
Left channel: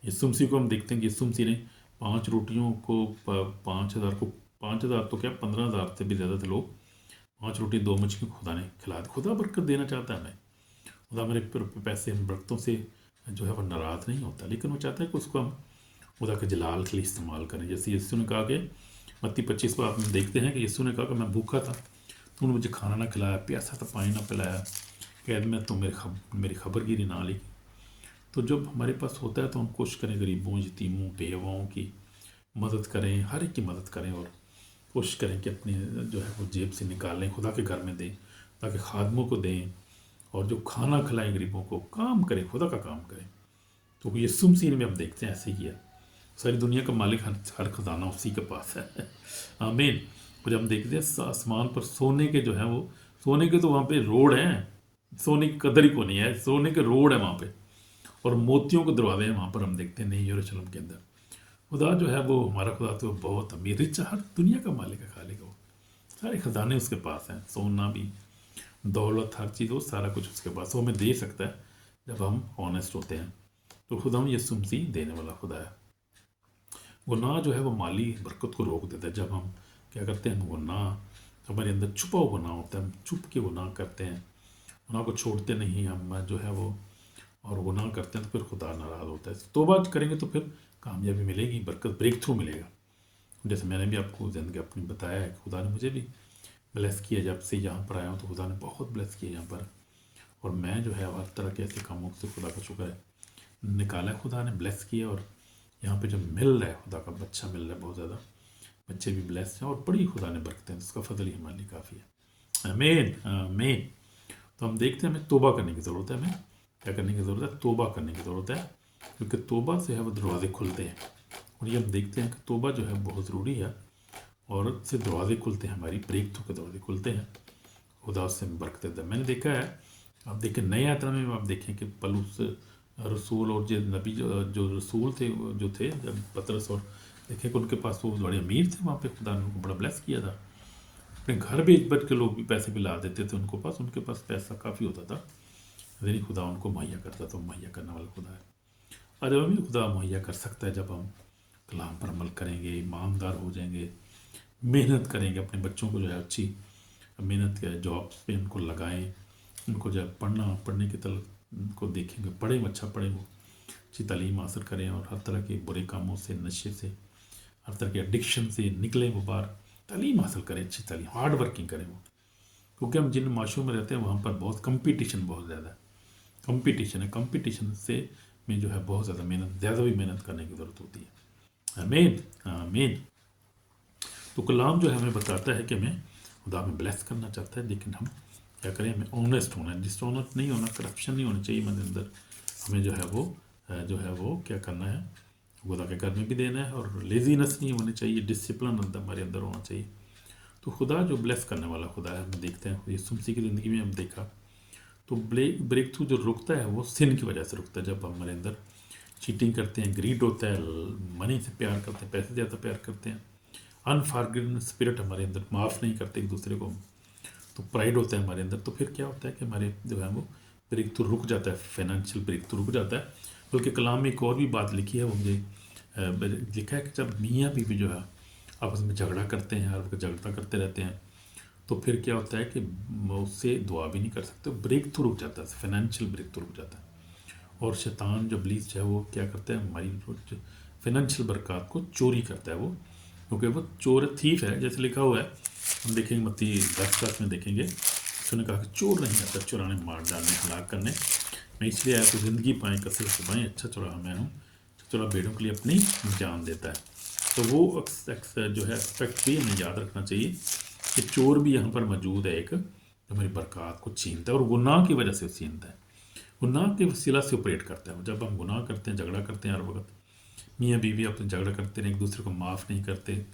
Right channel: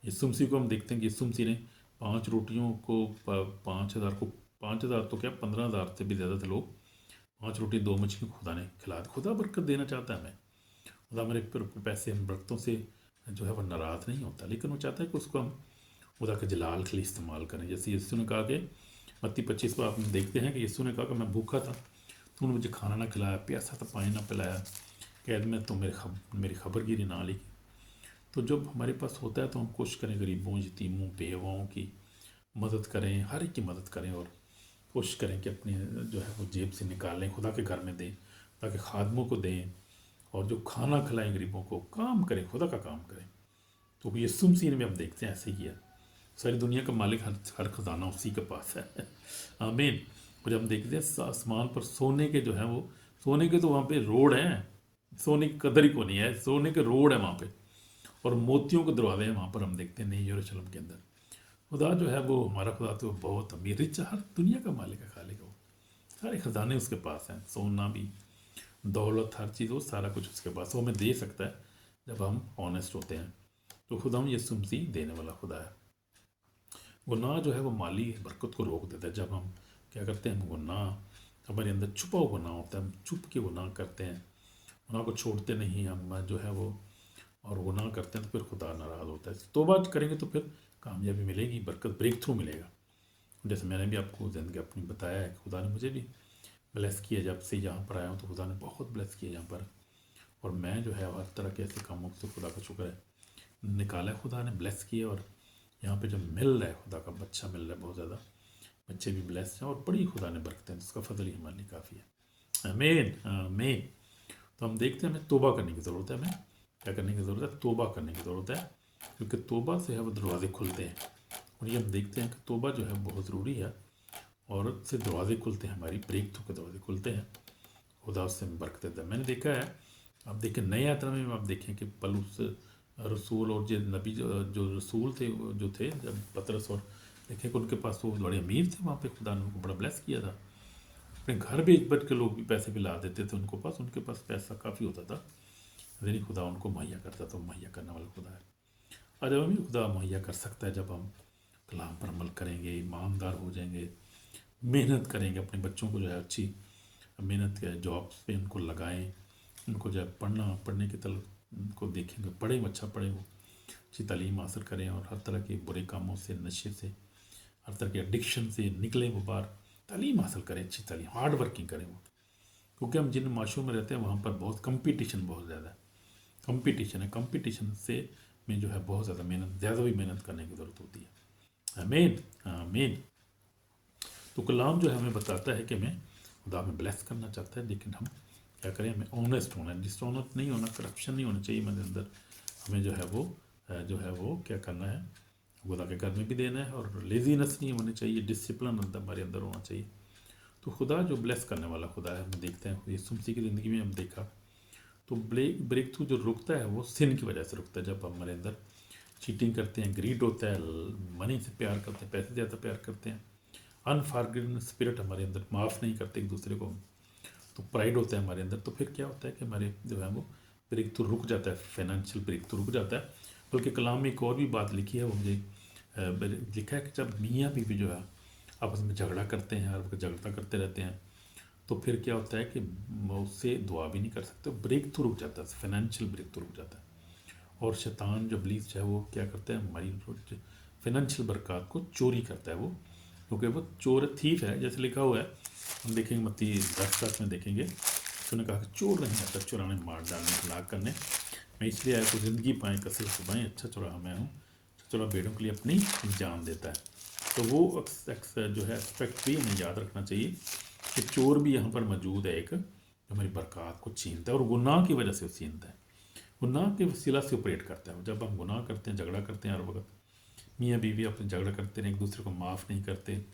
यीशु मसीह को हम देखते हैं कि यीशु मसीह ने 5 रोटियों को 5,000 को, 5,000 तो क्या 15,000 से भी ज़्यादा थे लोग, 5 रोटी 2 मछली खुदा ने खिला दी। खुदा बरकत देना चाहता है हमें, खुदा हमारे पैसे बरकतों से जो है वो नाराज़ नहीं होता, लेकिन वो चाहता है कि उसको हम खुदा के जलाल के लिए इस्तेमाल करें। जैसे यीशु ने कहा कि मत्ती 25 में आप देखते हैं कि यीशु ने कहा कि मैं भूखा था, तूने मुझे खाना ना खिलाया, प्यासा था, पानी ना पिलाया, कैद में तो मेरी खबरगिरी ना लिखी। तो जब हमारे पास होता है तो हम कोशिश करें गरीबों, यतीमों, बेवाओं की मदद करें, हर एक की मदद करें और कोशिश करें कि अपनी जो है वो जेब से निकालें, खुदा के घर में दें, ताकि खादमों को दें, और जो खाना खिलाएं गरीबों को, काम करें, खुदा का काम करें। तो यीशु मसीह में हम देखते हैं ऐसे ही है। सारी दुनिया का मालिक, हर खजाना उसी के पास है। आमीन। और जब हम देखते हैं आसमान पर सोने के जो है वो, सोने के तो वहाँ पे रोड हैं, सोने की कदर ही को नहीं है, सोने के रोड है वहाँ पे, और मोतियों के दरवाजे हैं वहाँ पर, हम देखते हैं नहीं यरूशलेम के अंदर। खुदा जो है वो, हमारा खुदा तो बहुत अमीर, रिच, हर दुनिया का मालिक है, खालिक वो, सारे खजाने उसके पास हैं, सोना भी, दौलत, हर चीज़, वो सारा कुछ उसके पास, वो हमें दे सकता है जब हम ऑनेस्ट होते हैं। तो खुदा हम यीशु मसीह देने वाला खुदा है। गुनाह जो है वो माली बरकत को रोक देता है। जब हम क्या करते हैं, गुनाह हमारे अंदर छुपा हुआ गुनाह होता है, हम छुप के गुनाह करते हैं, गुनाह को छोड़ते नहीं हम जो है वो, और गुनाह करते हैं तो फिर खुदा नाराज़ होता है। तौबा करेंगे तो फिर कामयाबी मिलेगी, बरकत, ब्रेक थ्रू मिलेगा। जैसे मैंने भी आपको ज़िंदगी अपनी बताया है, खुदा ने मुझे भी ब्लेस किया, जब से यहाँ पर आया हूँ तो खुदा ने बहुत ब्लेस किया यहाँ पर, और मैं जो है हर तरह के ऐसे कामों से खुदा का शुक्र है निकाला है, खुदा ने ब्लेस किया। और यहाँ पे जो मिल रहा है, खुदा का बच्चा मिल रहा है, बहुत ज़्यादा बच्चे भी ब्लेस हैं, और बड़ी खुदा ने बरकतें, उसका फजल ही हमारे लिए काफ़ी है। आमीन, आमीन। तो हम देखते हैं हमें तौबा करने की ज़रूरत है, हमें क्या करने की ज़रूरत है, तौबा करने की ज़रूरत है, क्योंकि तौबा से है वो दरवाजे खुलते हैं। और ये हम देखते हैं कि तौबा जो है बहुत ज़रूरी है, और से दरवाजे खुलते हैं, हमारी ब्रेक थ्रू के दरवाजे खुलते हैं, खुदा उससे बरकत देता है। मैंने देखा है, आप देखें नए यात्रा में आप देखें कि पलूस रसूल और जो नबी जो रसूल थे, जो थे पतरस, और देखें कि उनके पास वो बड़े अमीर थे, वहाँ पे खुदा ने उनको बड़ा ब्लेस किया था। अपने घर बेच बैठ के लोग भी पैसे भी ला देते थे उनके पास पैसा काफ़ी होता था, लेकिन खुदा उनको मुहैया करता था, मुहैया करने वाला खुदा है। और जब भी खुदा मुहैया कर सकता है, जब हम कलाम पर अमल करेंगे, ईमानदार हो जाएंगे, मेहनत करेंगे, अपने बच्चों को जो है अच्छी मेहनत के जॉब्स पे उनको लगाएं, उनको जब पढ़ने की तरफ को देखेंगे, पढ़ें, अच्छा पढ़ें, वो अच्छी तालीम हासिल करें, और हर तरह के बुरे कामों से, नशे से, हर तरह के एडिक्शन से निकलें, वो बाहर तालीम हासिल करें, अच्छी तालीम, हार्ड वर्किंग करें वो, क्योंकि हम जिन माशरों में रहते हैं वहाँ पर बहुत कंपटीशन, बहुत ज़्यादा है, कंपटीशन है, कंपटीशन से में जो है बहुत ज़्यादा मेहनत, ज़्यादा भी मेहनत करने की ज़रूरत होती है। आमीन, आमीन। तो कलाम जो है हमें बताता है कि हमें खुदा हमें ब्लेस करना चाहता है, लेकिन हम क्या करें, हमें ऑनेस्ट होना है, डिसऑनेस्ट नहीं होना, करप्शन नहीं होनी चाहिए मेरे अंदर। हमें जो है वो क्या करना है, खुदा के घर में भी देना है, और लेजीनेस नहीं होनी चाहिए, डिसिप्लिन अंदर हमारे अंदर होना चाहिए। तो खुदा जो ब्लेस करने वाला खुदा है, हम देखते हैं यीशु मसीह की ज़िंदगी में हम देखा, तो ब्रेक थ्रू जो रुकता है वो सिन की वजह से रुकता है। जब हमारे अंदर चीटिंग करते हैं, ग्रीड होता है, मनी से प्यार करते हैं, पैसे ज़्यादा प्यार करते हैं, अनफॉरगिवनेस स्पिरिट हमारे अंदर, माफ़ नहीं करते एक दूसरे को, तो प्राइड होता है हमारे अंदर, तो फिर क्या होता है कि हमारे जो है वो ब्रेक थ्रू रुक जाता है, फाइनेंशियल ब्रेक थ्रू रुक जाता है। बल्कि कलाम में एक और भी बात लिखी है, वो मुझे लिखा है कि जब मियाँ बीवी जो है आपस में झगड़ा करते हैं और झगड़ा करते रहते हैं, तो फिर क्या होता है कि उससे दुआ भी नहीं कर सकते, ब्रेक थ्रू रुक जाता है, फाइनेंशियल ब्रेक थ्रू रुक जाता है। और शैतान जो इब्लीस है वो क्या करता है, हमारी फाइनेंशियल बरकत को चोरी करता है वो, क्योंकि वो चोर थीफ है, जैसे लिखा हुआ है, हम देखेंगे मत्ती 10 में देखेंगे, उसने कहा कि चोर नहीं आता चुराने, मार डालने, हलाक करने, मैं इसलिए आया तो ज़िंदगी पाएँ, कसर छुपाएँ, अच्छा चुराहा मैं हूँ, चुरा भेड़ों के लिए अपनी जान देता है। तो वो जो है एस्पेक्ट भी हमें याद रखना चाहिए कि चोर भी यहाँ पर मौजूद है, एक जो हमारी बरकत को छीनता है, और गुनाह की वजह से छीनता है, गुनाह के वसीला से ऑपरेट करता है। जब हम गुनाह करते हैं, झगड़ा करते हैं, हर वक्त मियाँ बीवी अपने झगड़ा करते हैं, एक दूसरे को माफ़ नहीं करते,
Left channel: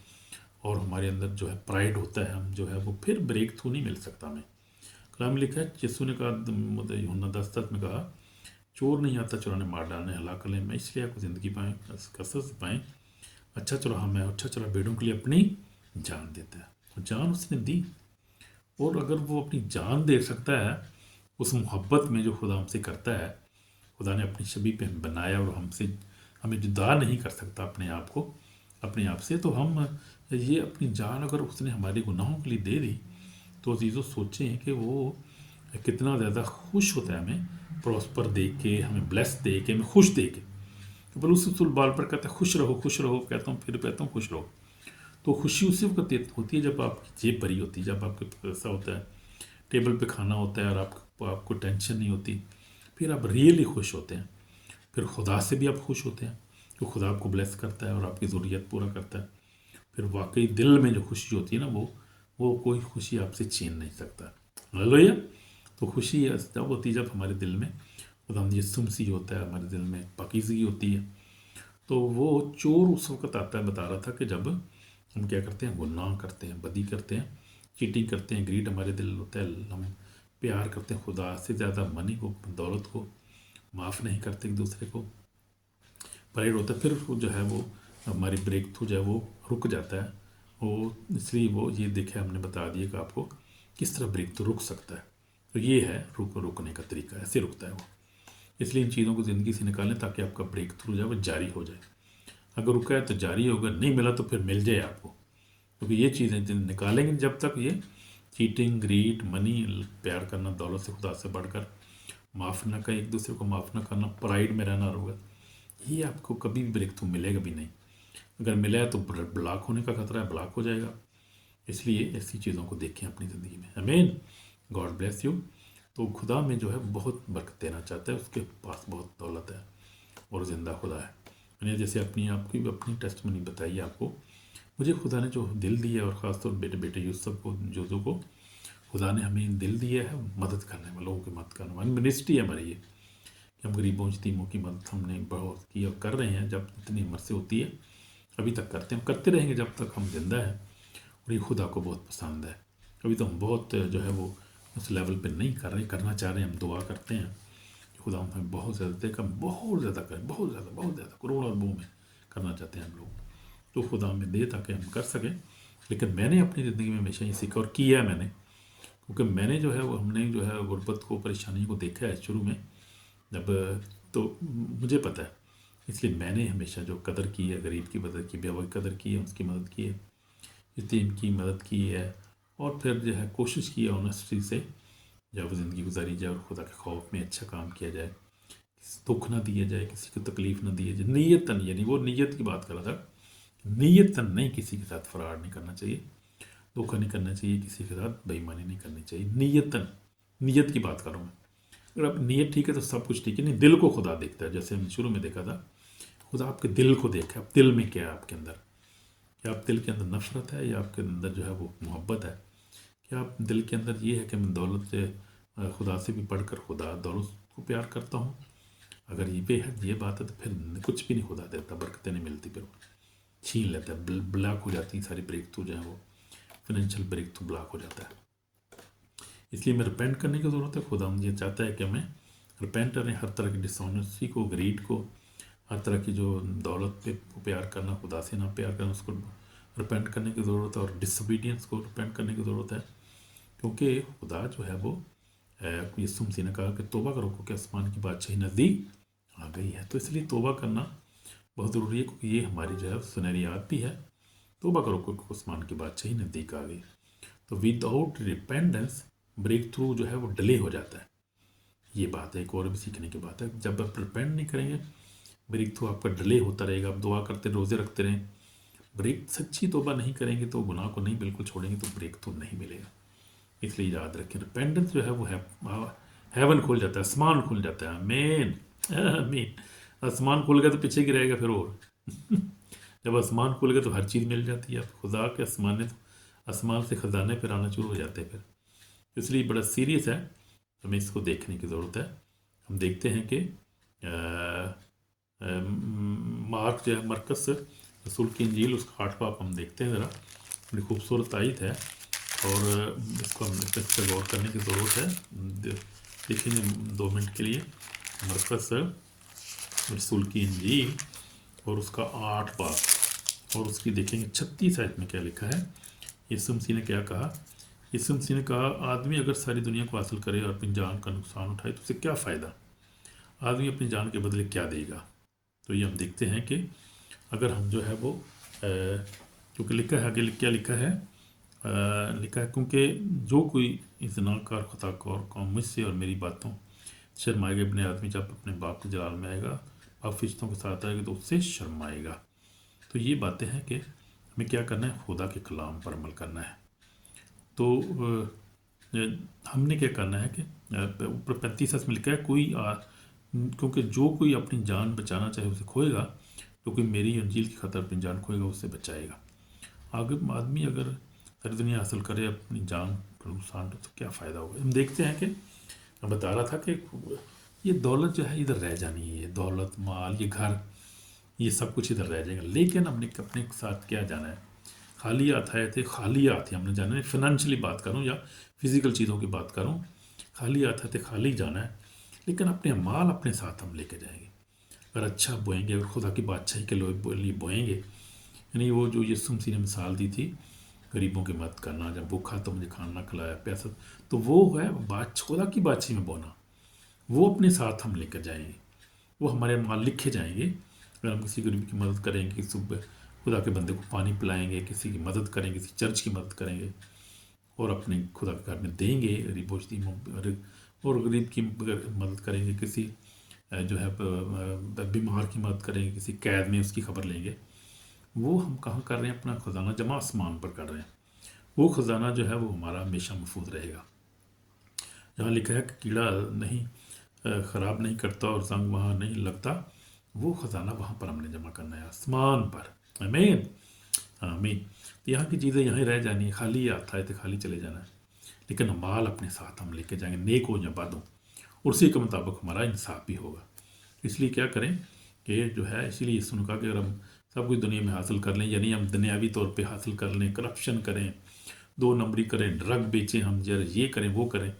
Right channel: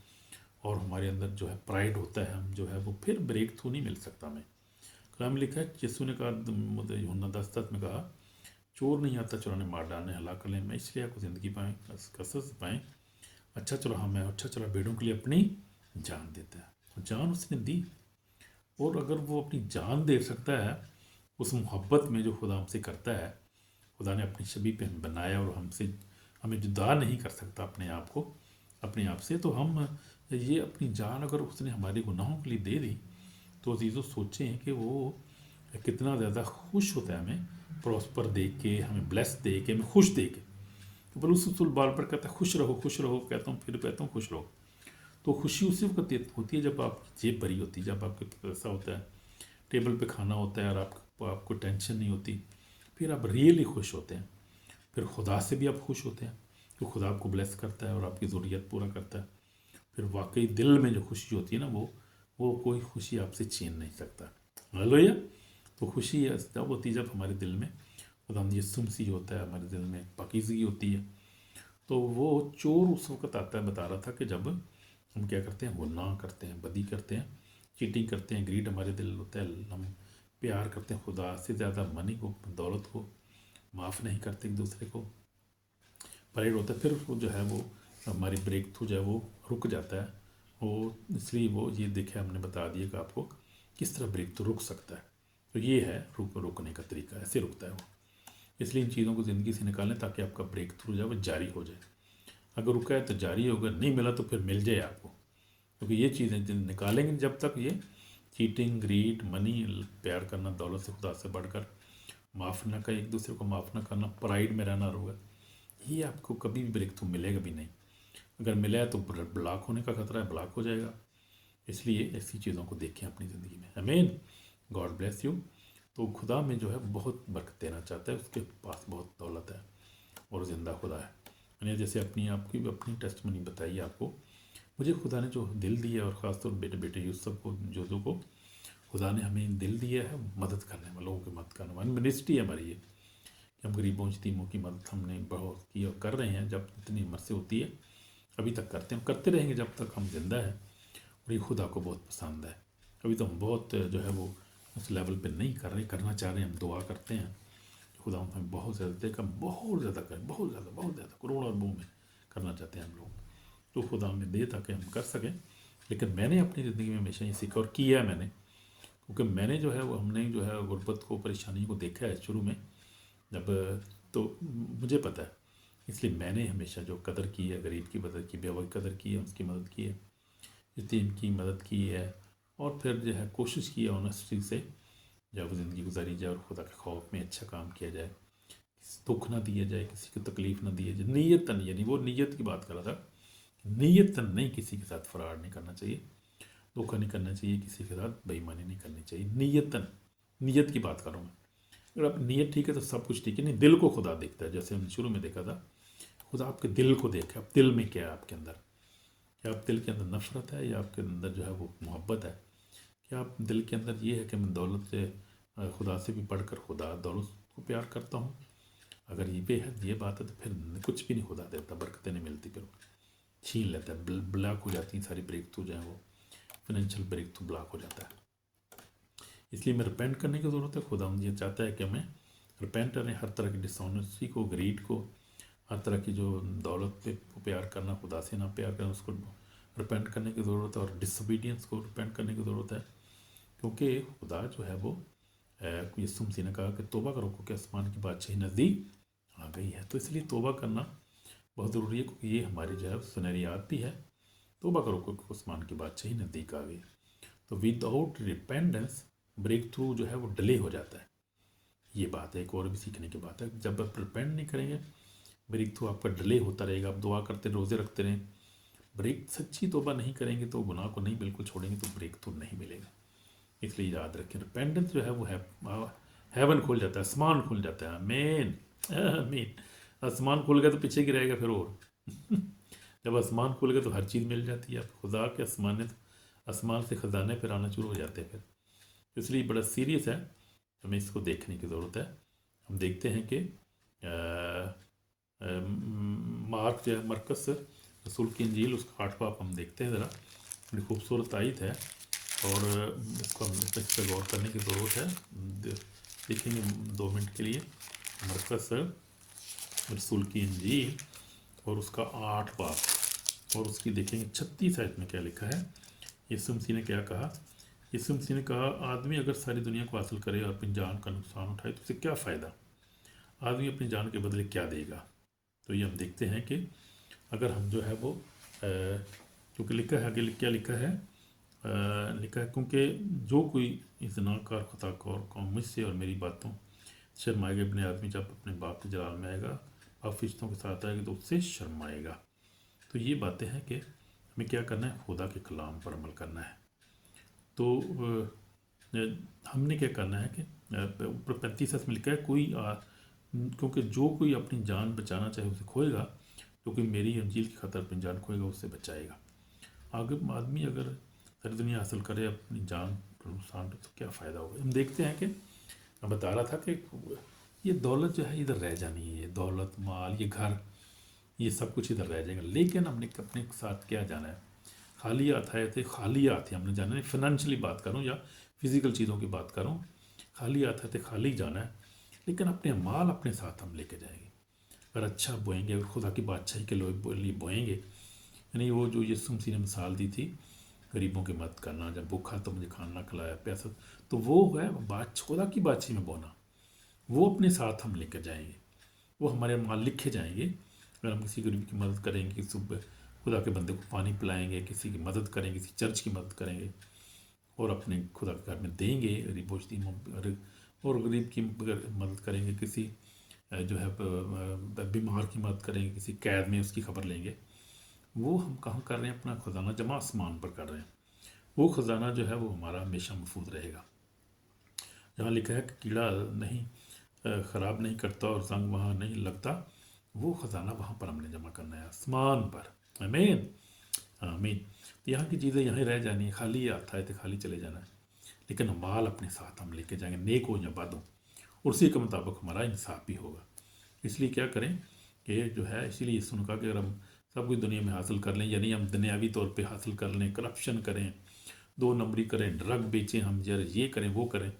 और हमारे अंदर जो है प्राइड होता है, हम जो है वो फिर ब्रेक थ्रू नहीं मिल सकता हमें। कलाम लिखा है, यीशु ने कहा, यूहन्ना 10 में कहा, चोर नहीं आता चुराने, मार डालने, हलाक करने, मैं इसलिए आपको ज़िंदगी पाएँ, कसरत से पाएँ, अच्छा चुराहा मैं, अच्छा चुरा भेड़ों के लिए अपनी जान देता है। और जान उसने दी, और अगर वो अपनी जान दे सकता है उस मोहब्बत में जो खुदा हमसे करता है, खुदा ने अपनी छवि पे हमें बनाया, और हमें जुदा नहीं कर सकता अपने आप से, तो हम ये अपनी जान अगर उसने हमारे गुनाहों के लिए दे दी, तो अजीज़ों सोचें कि वो कितना ज़्यादा खुश होता है हमें प्रॉस्पर देख के, हमें ब्लेस दे के, हमें खुश दे के। पर उस बाल पर कहता है खुश रहो, खुश रहो, कहता हूँ, फिर कहता हूँ खुश रहो। तो खुशी उसी वक्त होती है जब आपकी जेब भरी होती है, जब आपके पैसा होता है, टेबल पे खाना होता है, और आपको टेंशन नहीं होती, फिर आप रियली खुश होते हैं, फिर खुदा से भी आप खुश होते हैं, जो खुदा आपको ब्लेस करता है और आपकी ज़रूरियत पूरा करता है, फिर वाकई दिल में जो खुशी होती है ना, वो कोई खुशी आपसे छीन नहीं सकता। हालेलुया। तो खुशी जब होती है जब हमारे दिल में खुदा यीशु मसीह होता है, हमारे दिल में पाकीज़गी होती है। तो वो चोर उस वक्त आता है, बता रहा था कि जब हम क्या करते हैं, गुनाह करते हैं, बदी करते हैं, चीटिंग करते हैं, ग्रीड हमारे दिल होता है, हम प्यार करते हैं खुदा से ज़्यादा, मनी को, दौलत को, माफ़ नहीं करते एक दूसरे को, परेड होता है, फिर वो जो है वो हमारी ब्रेक थ्रू जो है वो रुक जाता है। वो इसलिए वो ये देखे हमने बता दिया कि आपको किस तरह ब्रेक थ्रू रुक सकता है। तो ये है रुकने का तरीका, ऐसे रुकता है वो। इसलिए इन चीज़ों को ज़िंदगी से निकालें ताकि आपका ब्रेक थ्रू जो है वो जारी हो जाए। अगर रुका है तो जारी होगा, नहीं मिला तो फिर मिल जाए आपको, क्योंकि ये चीज़ें निकालेंगे जब तक ये चीटिंग, ग्रीड, मनी, प्यार करना, दौलत से, खुदा से बढ़कर, माफ़ ना करें, एक दूसरे को माफ़ ना करना, प्राइड में रहना होगा, ये आपको कभी भी ब्रेक थ्रू मिलेगा भी नहीं। अगर मिला है तो ब्लॉक होने का खतरा है, ब्लॉक हो जाएगा। इसलिए ऐसी चीज़ों को देखें अपनी ज़िंदगी में। आमीन। God bless you. तो खुदा में जो है बहुत बरकत देना चाहता है, उसके पास बहुत दौलत है और ज़िंदा खुदा है। मैंने जैसे अपनी टेस्टमनी बताई आपको, मुझे खुदा ने जो दिल दिया, और ख़ासतौर बेटे बेटे यूसुफ को, जो को खुदा ने हमें दिल दिया है मदद करने में, लोगों की मदद करने वाली मिनिस्ट्री है हमारी ये, कि हम गरीबों यतीमों की मदद हमने बहुत की और कर रहे हैं। जब इतनी हिम्मत से होती है अभी तक करते हैं, हम करते रहेंगे जब तक हम जिंदा हैं, और ये खुदा को बहुत पसंद है। अभी तो हम बहुत जो है वो उस लेवल पे नहीं कर रहे, करना चाह रहे हैं, हम दुआ करते हैं खुदा हमें बहुत ज़्यादा देकर बहुत ज़्यादा करें, बहुत ज़्यादा करोड़ों अरबों में करना चाहते हैं हम लोग। तो खुदा हमें दे ताकि हम कर सकें। लेकिन मैंने अपनी ज़िंदगी में हमेशा ये सीखा और किया है मैंने, क्योंकि मैंने जो है वो हमने जो है गुर्बत को, परेशानी को देखा है शुरू में जब, तो मुझे पता है। इसलिए मैंने हमेशा जो कदर की है, गरीब की मदद की, बेवा की कदर की है, उसकी मदद की है, यतीम की मदद की है, और फिर जो है कोशिश की है ऑनेस्टी से जब ज़िंदगी गुजारी जाए और खुदा के खौफ में अच्छा काम किया जाए, दुख ना दिया जाए, किसी को तकलीफ़ ना दी जाए, नीयतन, यानी वो नीयत की बात कर रहा था, नीयतन नहीं, किसी के साथ फरार नहीं करना चाहिए, धोखा नहीं करना चाहिए, किसी के साथ बेईमानी नहीं करनी चाहिए, नीयतन, नीयत की बात कर रहा हूँ। अगर आप नीयत ठीक है तो सब कुछ ठीक है। नहीं, दिल को खुदा देखता है, जैसे हमने शुरू में देखा था, खुदा आपके दिल को देखा, आप दिल में क्या है आपके अंदर, क्या आप दिल के अंदर नफरत है या आपके अंदर जो है वो मोहब्बत है, क्या आप दिल के अंदर ये है कि मैं दौलत से, खुदा से भी बढ़कर खुदा दौलत को प्यार करता हूँ। अगर ये बात है तो फिर कुछ भी नहीं खुदा देता, बरकतें नहीं मिलती, फिर छीन लेता है, ब्लॉक हो जाती है सारी ब्रेक थ्रू जो है वो, फाइनेंशियल ब्रेक थ्रू ब्लॉक हो जाता है। इसलिए मैं रिपेंट करने की ज़रूरत है। खुदा ये चाहता है कि मैं रिपेंट करें हर तरह की डिसऑनेस्टी को, ग्रीड को, हर तरह की जो दौलत पे प्यार करना, खुदा से ना प्यार करना, उसको रिपेंट करने की ज़रूरत है, और डिसोबीडियंस को रिपेंट करने की ज़रूरत है। क्योंकि खुदा जो है वो, यीशु मसीह ने कहा कि तौबा करो क्योंकि आसमान की बादशाही नज़दीक आ गई है। तो इसलिए तौबा करना बहुत ज़रूरी है, क्योंकि ये हमारी जो है सुनहरी याद भी है। तौबा करो क्योंकि आसमान की बादशाही नज़दीक आ गई। तो विदाउट रिपेंडेंस ब्रेक थ्रू जो है वो डिले हो जाता है। ये बात है, एक और भी सीखने की बात है। जब आप रिपेंड नहीं करेंगे, ब्रेक थ्रू आपका डिले होता रहेगा। आप दुआ करते, रोज़े रखते रहें, ब्रेक सच्ची तौबा नहीं करेंगे, तो गुनाह को नहीं बिल्कुल छोड़ेंगे, तो ब्रेक थ्रू नहीं मिलेगा। इसलिए याद रखें, रिपेंडेंस जो है वो है, हेवन खुल जाता है, आसमान खुल जाता है। आमीन आमीन। आसमान खुल गया तो पीछे की रहेगा फिर और जब आसमान खुल गया तो हर चीज़ मिल जाती है। खुदा के आसमान से खजाने फिर आना शुरू हो जाते हैं फिर। इसलिए बड़ा सीरियस है, हमें इसको देखने की ज़रूरत है। हम देखते हैं कि मार्क जो है, मरकस रसूल की इंजील, उसका 8वां बाब हम देखते हैं ज़रा, बड़ी खूबसूरत आयत है, और इसको हम इस पर गौर करने की ज़रूरत है। देखेंगे 2 मिनट के लिए मरकस रसूल की इंजील और उसका 8वां बाब, और उसकी देखेंगे 36 आयत में क्या लिखा है। यीशु मसीह ने क्या कहा। यीशु मसीह ने कहा, आदमी अगर सारी दुनिया को हासिल करे और अपनी जान का नुकसान उठाए तो उसे क्या फ़ायदा, आदमी अपनी जान के बदले क्या देगा। तो ये हम देखते हैं कि अगर हम जो है वो, क्योंकि लिखा है आगे, क्या लिखा है, लिखा है, क्योंकि जो कोई इज़्नाकार खताकार कौम मुझसे और मेरी बातों शर्माएगा, अपने आदमी जब अपने बाप के जलाल में आएगा, आप फरिश्तों के साथ आएगा तो उससे शर्माएगा। तो ये बातें हैं कि हमें क्या करना है, खुदा के कलाम पर अमल करना है। तो हमने क्या करना है कि ऊपर 35 में लिखा है, क्योंकि जो कोई अपनी जान बचाना चाहे उसे खोएगा, तो कोई मेरी अंजील की खतर अपनी जान खोएगा उससे बचाएगा। अगर आदमी अगर सारी दुनिया हासिल करे अपनी जान को नुकसान तो क्या फ़ायदा होगा। हम देखते हैं कि मैं बता रहा था कि ये दौलत जो है इधर रह जानी है, दौलत माल ये घर ये सब कुछ इधर रह जाएगा, लेकिन हमने अपने साथ क्या जाना है। खाली हाथ आए थे, खाली हाथ ही हमने जाना है। फाइनेंशियली बात करूँ या फिजिकल चीज़ों की बात करूँ, खाली हाथ आए थे, खाली जाना है, लेकिन अपने माल अपने साथ हम लेके जाएंगे। अगर अच्छा बोएंगे, अगर खुदा की बादशाही के लिए बोएंगे, यानी वो जो यीशु मसीह ने मिसाल दी थी गरीबों की मदद करना, जब भूखा तो मुझे खाना खिलाया, प्यासा, तो वो है बात खुदा की बादशाही में बोना। वो अपने साथ हम लेकर जाएंगे, वो हमारे माल लिखे जाएंगे। अगर हम किसी गरीब की मदद करेंगे, किसी खुदा के बंदे को पानी पिलाएंगे, किसी की मदद करेंगे, किसी चर्च की मदद करेंगे और अपने खुदा के घर में देंगे गरीबों और गरीब की मदद करेंगे, किसी जो है बीमार की मदद करेंगे, किसी कैद में उसकी खबर लेंगे, वो हम कहाँ कर रहे हैं, अपना खजाना जमा आसमान पर कर रहे हैं। वो खजाना जो है वो हमारा हमेशा महफूज रहेगा। जहाँ लिखा है कि कीड़ा नहीं ख़राब नहीं करता और जंग वहाँ नहीं लगता, वो ख़जाना वहाँ पर हमने जमा करना है, आसमान पर। आमीन आमीन। यहाँ की चीज़ें यहाँ ही रह जानी है, खाली आता है तो खाली चले जाना है, लेकिन माल अपने साथ हम लेके जाएंगे, नेक हो या बद हो, उसी के मुताबिक हमारा इंसाफ भी होगा। इसलिए क्या करें कि जो है, इसीलिए सुन कहा कि अगर हम सब कुछ दुनिया में हासिल कर लें, यानी हम दुनियावी तौर पे हासिल कर लें, करप्शन करें, दो नंबरी करें, ड्रग बेचें, हम ये करें वो करें,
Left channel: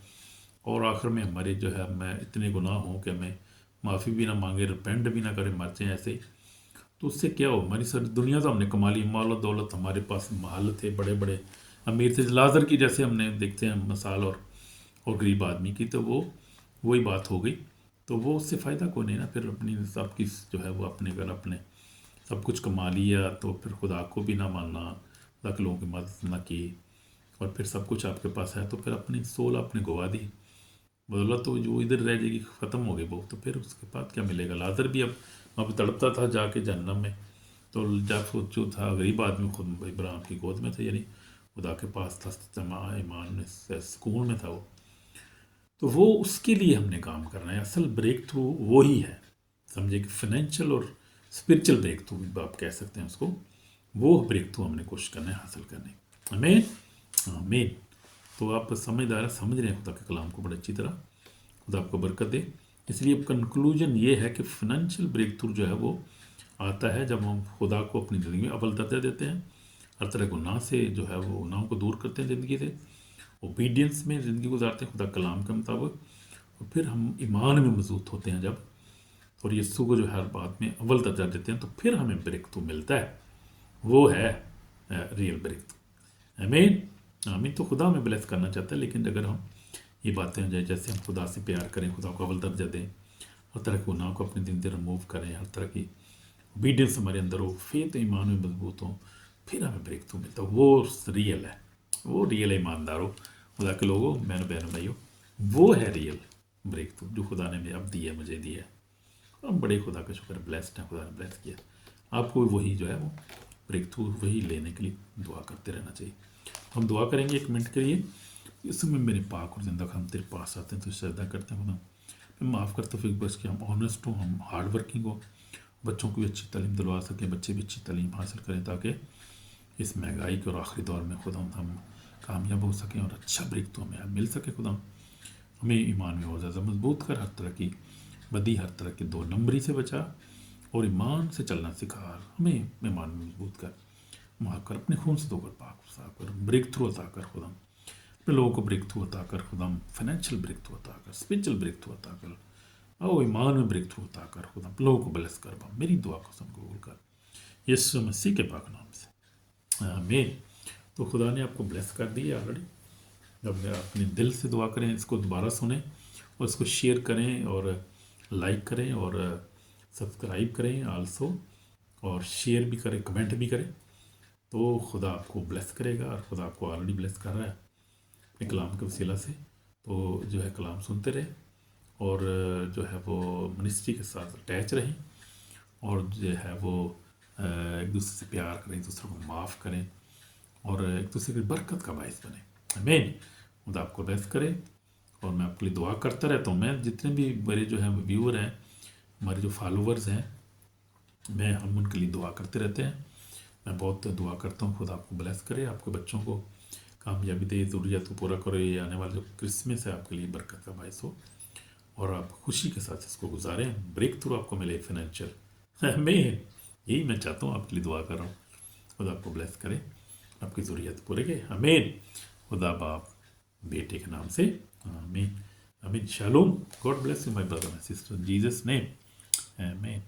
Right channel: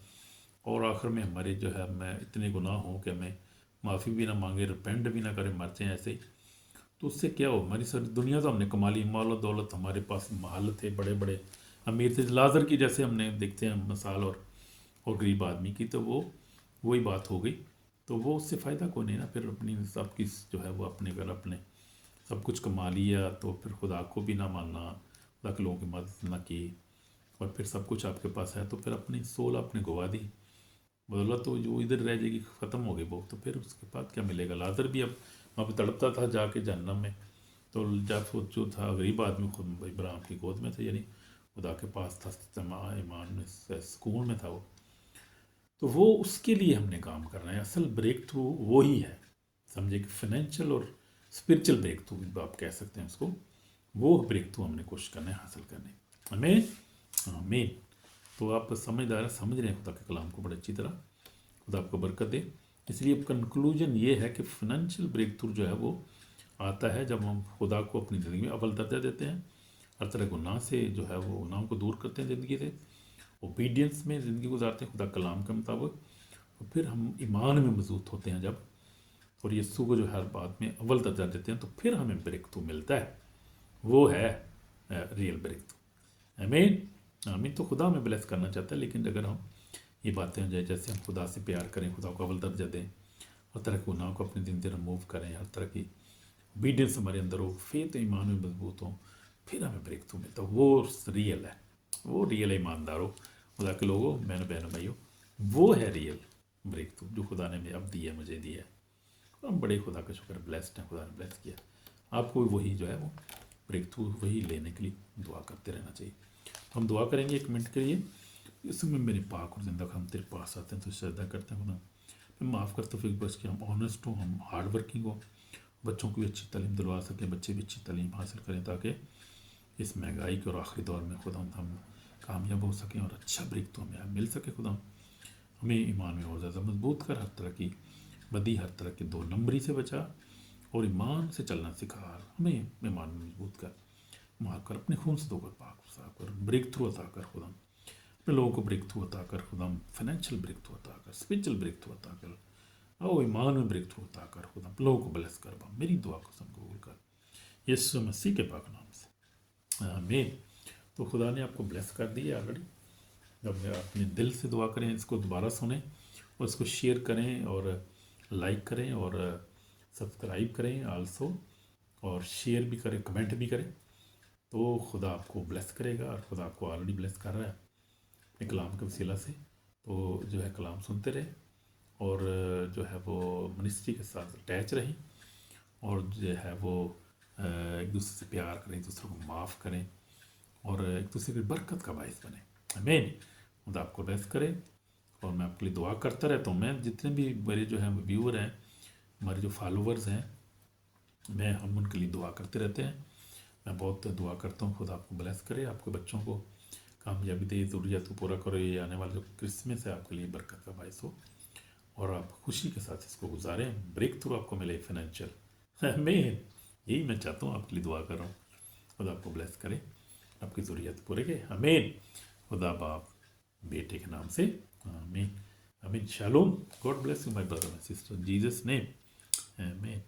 और आखिर में हमारे जो है हमें इतने गुनाह हों कि हमें माफ़ी भी ना मांगे, रिपेंट भी ना करें, मर जाएँ ऐसे ही, तो उससे क्या हो, हमारी सारी दुनिया तो हमने कमा ली, माल और दौलत, हमारे पास महल थे, बड़े बड़े अमीर थे, लाजर की जैसे हमने देखते हैं मिसाल, और गरीब आदमी की, तो वो वही बात हो गई। तो वो उससे फ़ायदा को नहीं ना, फिर अपनी सब की जो है वो अपने अगर अपने सब कुछ कमा लिया तो फिर खुदा को भी ना मानना, खुदा के लोगों की मदद ना की, और फिर सब कुछ आपके पास है तो फिर अपनी सोल आपने गवा दी, बदौलत तो जो इधर रह जाएगी, ख़त्म हो गई वो, तो फिर उसके बाद क्या मिलेगा। लाजर भी अब तड़पता था जाके जहन्नम में, तो जब जो था गरीब आदमी खुद इब्राहिम की गोद में था, यानी खुदा के पास था, ईमान में सुकून में था वो, तो वो उसके लिए हमने काम करना है। असल ब्रेक थ्रू वो ही है, समझे कि फाइनेंशियल और स्पिरिचुअल ब्रेक थ्रू भी आप कह सकते हैं उसको, वो ब्रेक थ्रू हमने कोशिश करना है हासिल करने। आमीन आमीन। तो आप समझदार समझ रहे हैं खुदा के कलाम को बड़ी अच्छी तरह, खुदा आपको बरकत दे। इसलिए कंक्लूजन ये है कि फाइनेंशियल ब्रेक थ्रू जो है वो आता है जब हम खुदा को अपनी ज़िंदगी में अव्वल दर्जा देते हैं, हर तरह गुनाह से जो है वो गुनाहों को दूर करते हैं ज़िंदगी से, ओबीडियंस में ज़िंदगी गुजारते हैं खुदा कलाम के मुताबिक, और फिर हम ईमान में मजबूत होते हैं जब, और यीशु को जो हर बात में अव्वल दर्जा देते हैं, तो फिर हमें ब्रेक थ्रू मिलता है, वो है रियल ब्रेक थ्रू। आमीन आमीन। तो खुदा हमें ब्लेस करना चाहता है, लेकिन अगर हम ये बातें जैसे हम खुदा से प्यार करें, खुदा को अव्वल दर्जा दें, हर तरह के गुनाह को अपनी ज़िंदगी रिमूव करें, हर तरह की ओबीडियंस हमारे अंदर हो, फेथ ईमान में मजबूत हो, फिर हमें ब्रेक थ्रू मिलता है। वो रियल है, वो रियल ईमानदार हो, खुदा के लोगों, मैंने बहनों भाइयों, वो है रियल ब्रेक थ्रू जो खुदा ने अब दिया, मुझे दिया है। हम बड़े खुदा का शुक्र, ब्लेस्ड है, खुदा ने ब्लेस किया आपको। वही जो है वो ब्रेक थ्रू वही लेने के लिए दुआ करते रहना चाहिए। हम दुआ करेंगे 1 मिनट के लिए। इस समय मेरे पाक और जिंदा हम तेरे पास आते हैं तो श्रद्धा करते हैं, मैं माफ़ करता फिर बस कि हम ऑनेस्ट हों, हम हार्ड वर्किंग हो, बच्चों को भी अच्छी तालीम दिलवा सकें, बच्चे भी अच्छी तालीम हासिल करें, ताकि इस महंगाई के और आखिरी दौर में खुदा हम कामयाब हो सकें और अच्छा ब्रेक तो हमें मिल सके। खुदा हमें ईमान में और ज़्यादा मजबूत कर, हर तरह की बदी, हर तरह के 2 नंबरी से बचा, और ईमान से चलना सिखा, हमें ईमान में मजबूत कर, माफ़ कर, अपने खून से धोकर पाक साफ कर, ब्रेक थ्रू अता कर खुदा, अपने लोगों को ब्रेक थ्रू अता कर खुदा, फाइनेंशियल ब्रेक थ्रू अता कर, स्पिरिचुअल ब्रेक थ्रू अता कर, और ईमान में ब्रेक थ्रू अता कर खुदा, लोगों को ब्लेस कर। मेरी दुआ को सुन कबूल कर, यीशु मसीह के पाक नाम से आमीन। तो खुदा ने आपको ब्लेस कर दिया ऑलरेडी। जब अपने दिल से दुआ करें, इसको दोबारा सुनें और इसको शेयर करें और लाइक करें और सब्सक्राइब करें आल्सो, और शेयर भी करें, कमेंट भी करें, तो खुदा आपको ब्लेस करेगा, और खुदा आपको ऑलरेडी ब्लेस कर रहा है अपने कलाम के वसीला से। तो जो है कलाम सुनते रहें, और जो है वो मिनिस्ट्री के साथ अटैच रहें, और जो है वो एक दूसरे से प्यार करें, एक दूसरे को माफ़ करें, और एक दूसरे की बरकत का बायस बने। आमीन। खुदा आपको ब्लेस करे, और मैं आपके लिए दुआ करता रहता हूँ। मैं जितने भी मेरे जो है व्यूअर हैं, हमारे जो फॉलोवर्स हैं, میں ہم ان کے لیے دعا کرتے رہتے ہیں. میں بہت دعا کرتا ہوں خدا آپ کو بلیس کرے, آپ کے بچوں کو کامیابی دے, ضروریات کو پورا کرے, یہ آنے والا جو کرسمس ہے آپ کے لیے برکت کا باعث ہو اور آپ خوشی کے ساتھ اس کو گزاریں, بریک تھرو آپ کو ملے فائنینشیل. میں یہی میں چاہتا ہوں, آپ کے لیے دعا کر رہا ہوں. خدا آپ کو بلیس کرے, آپ کی ضروریات پورے کرے, آمین. خدا باپ بیٹے کے نام سے آمین. آمین. Shalom. God bless you my brother and sister, in Jesus name, آمین.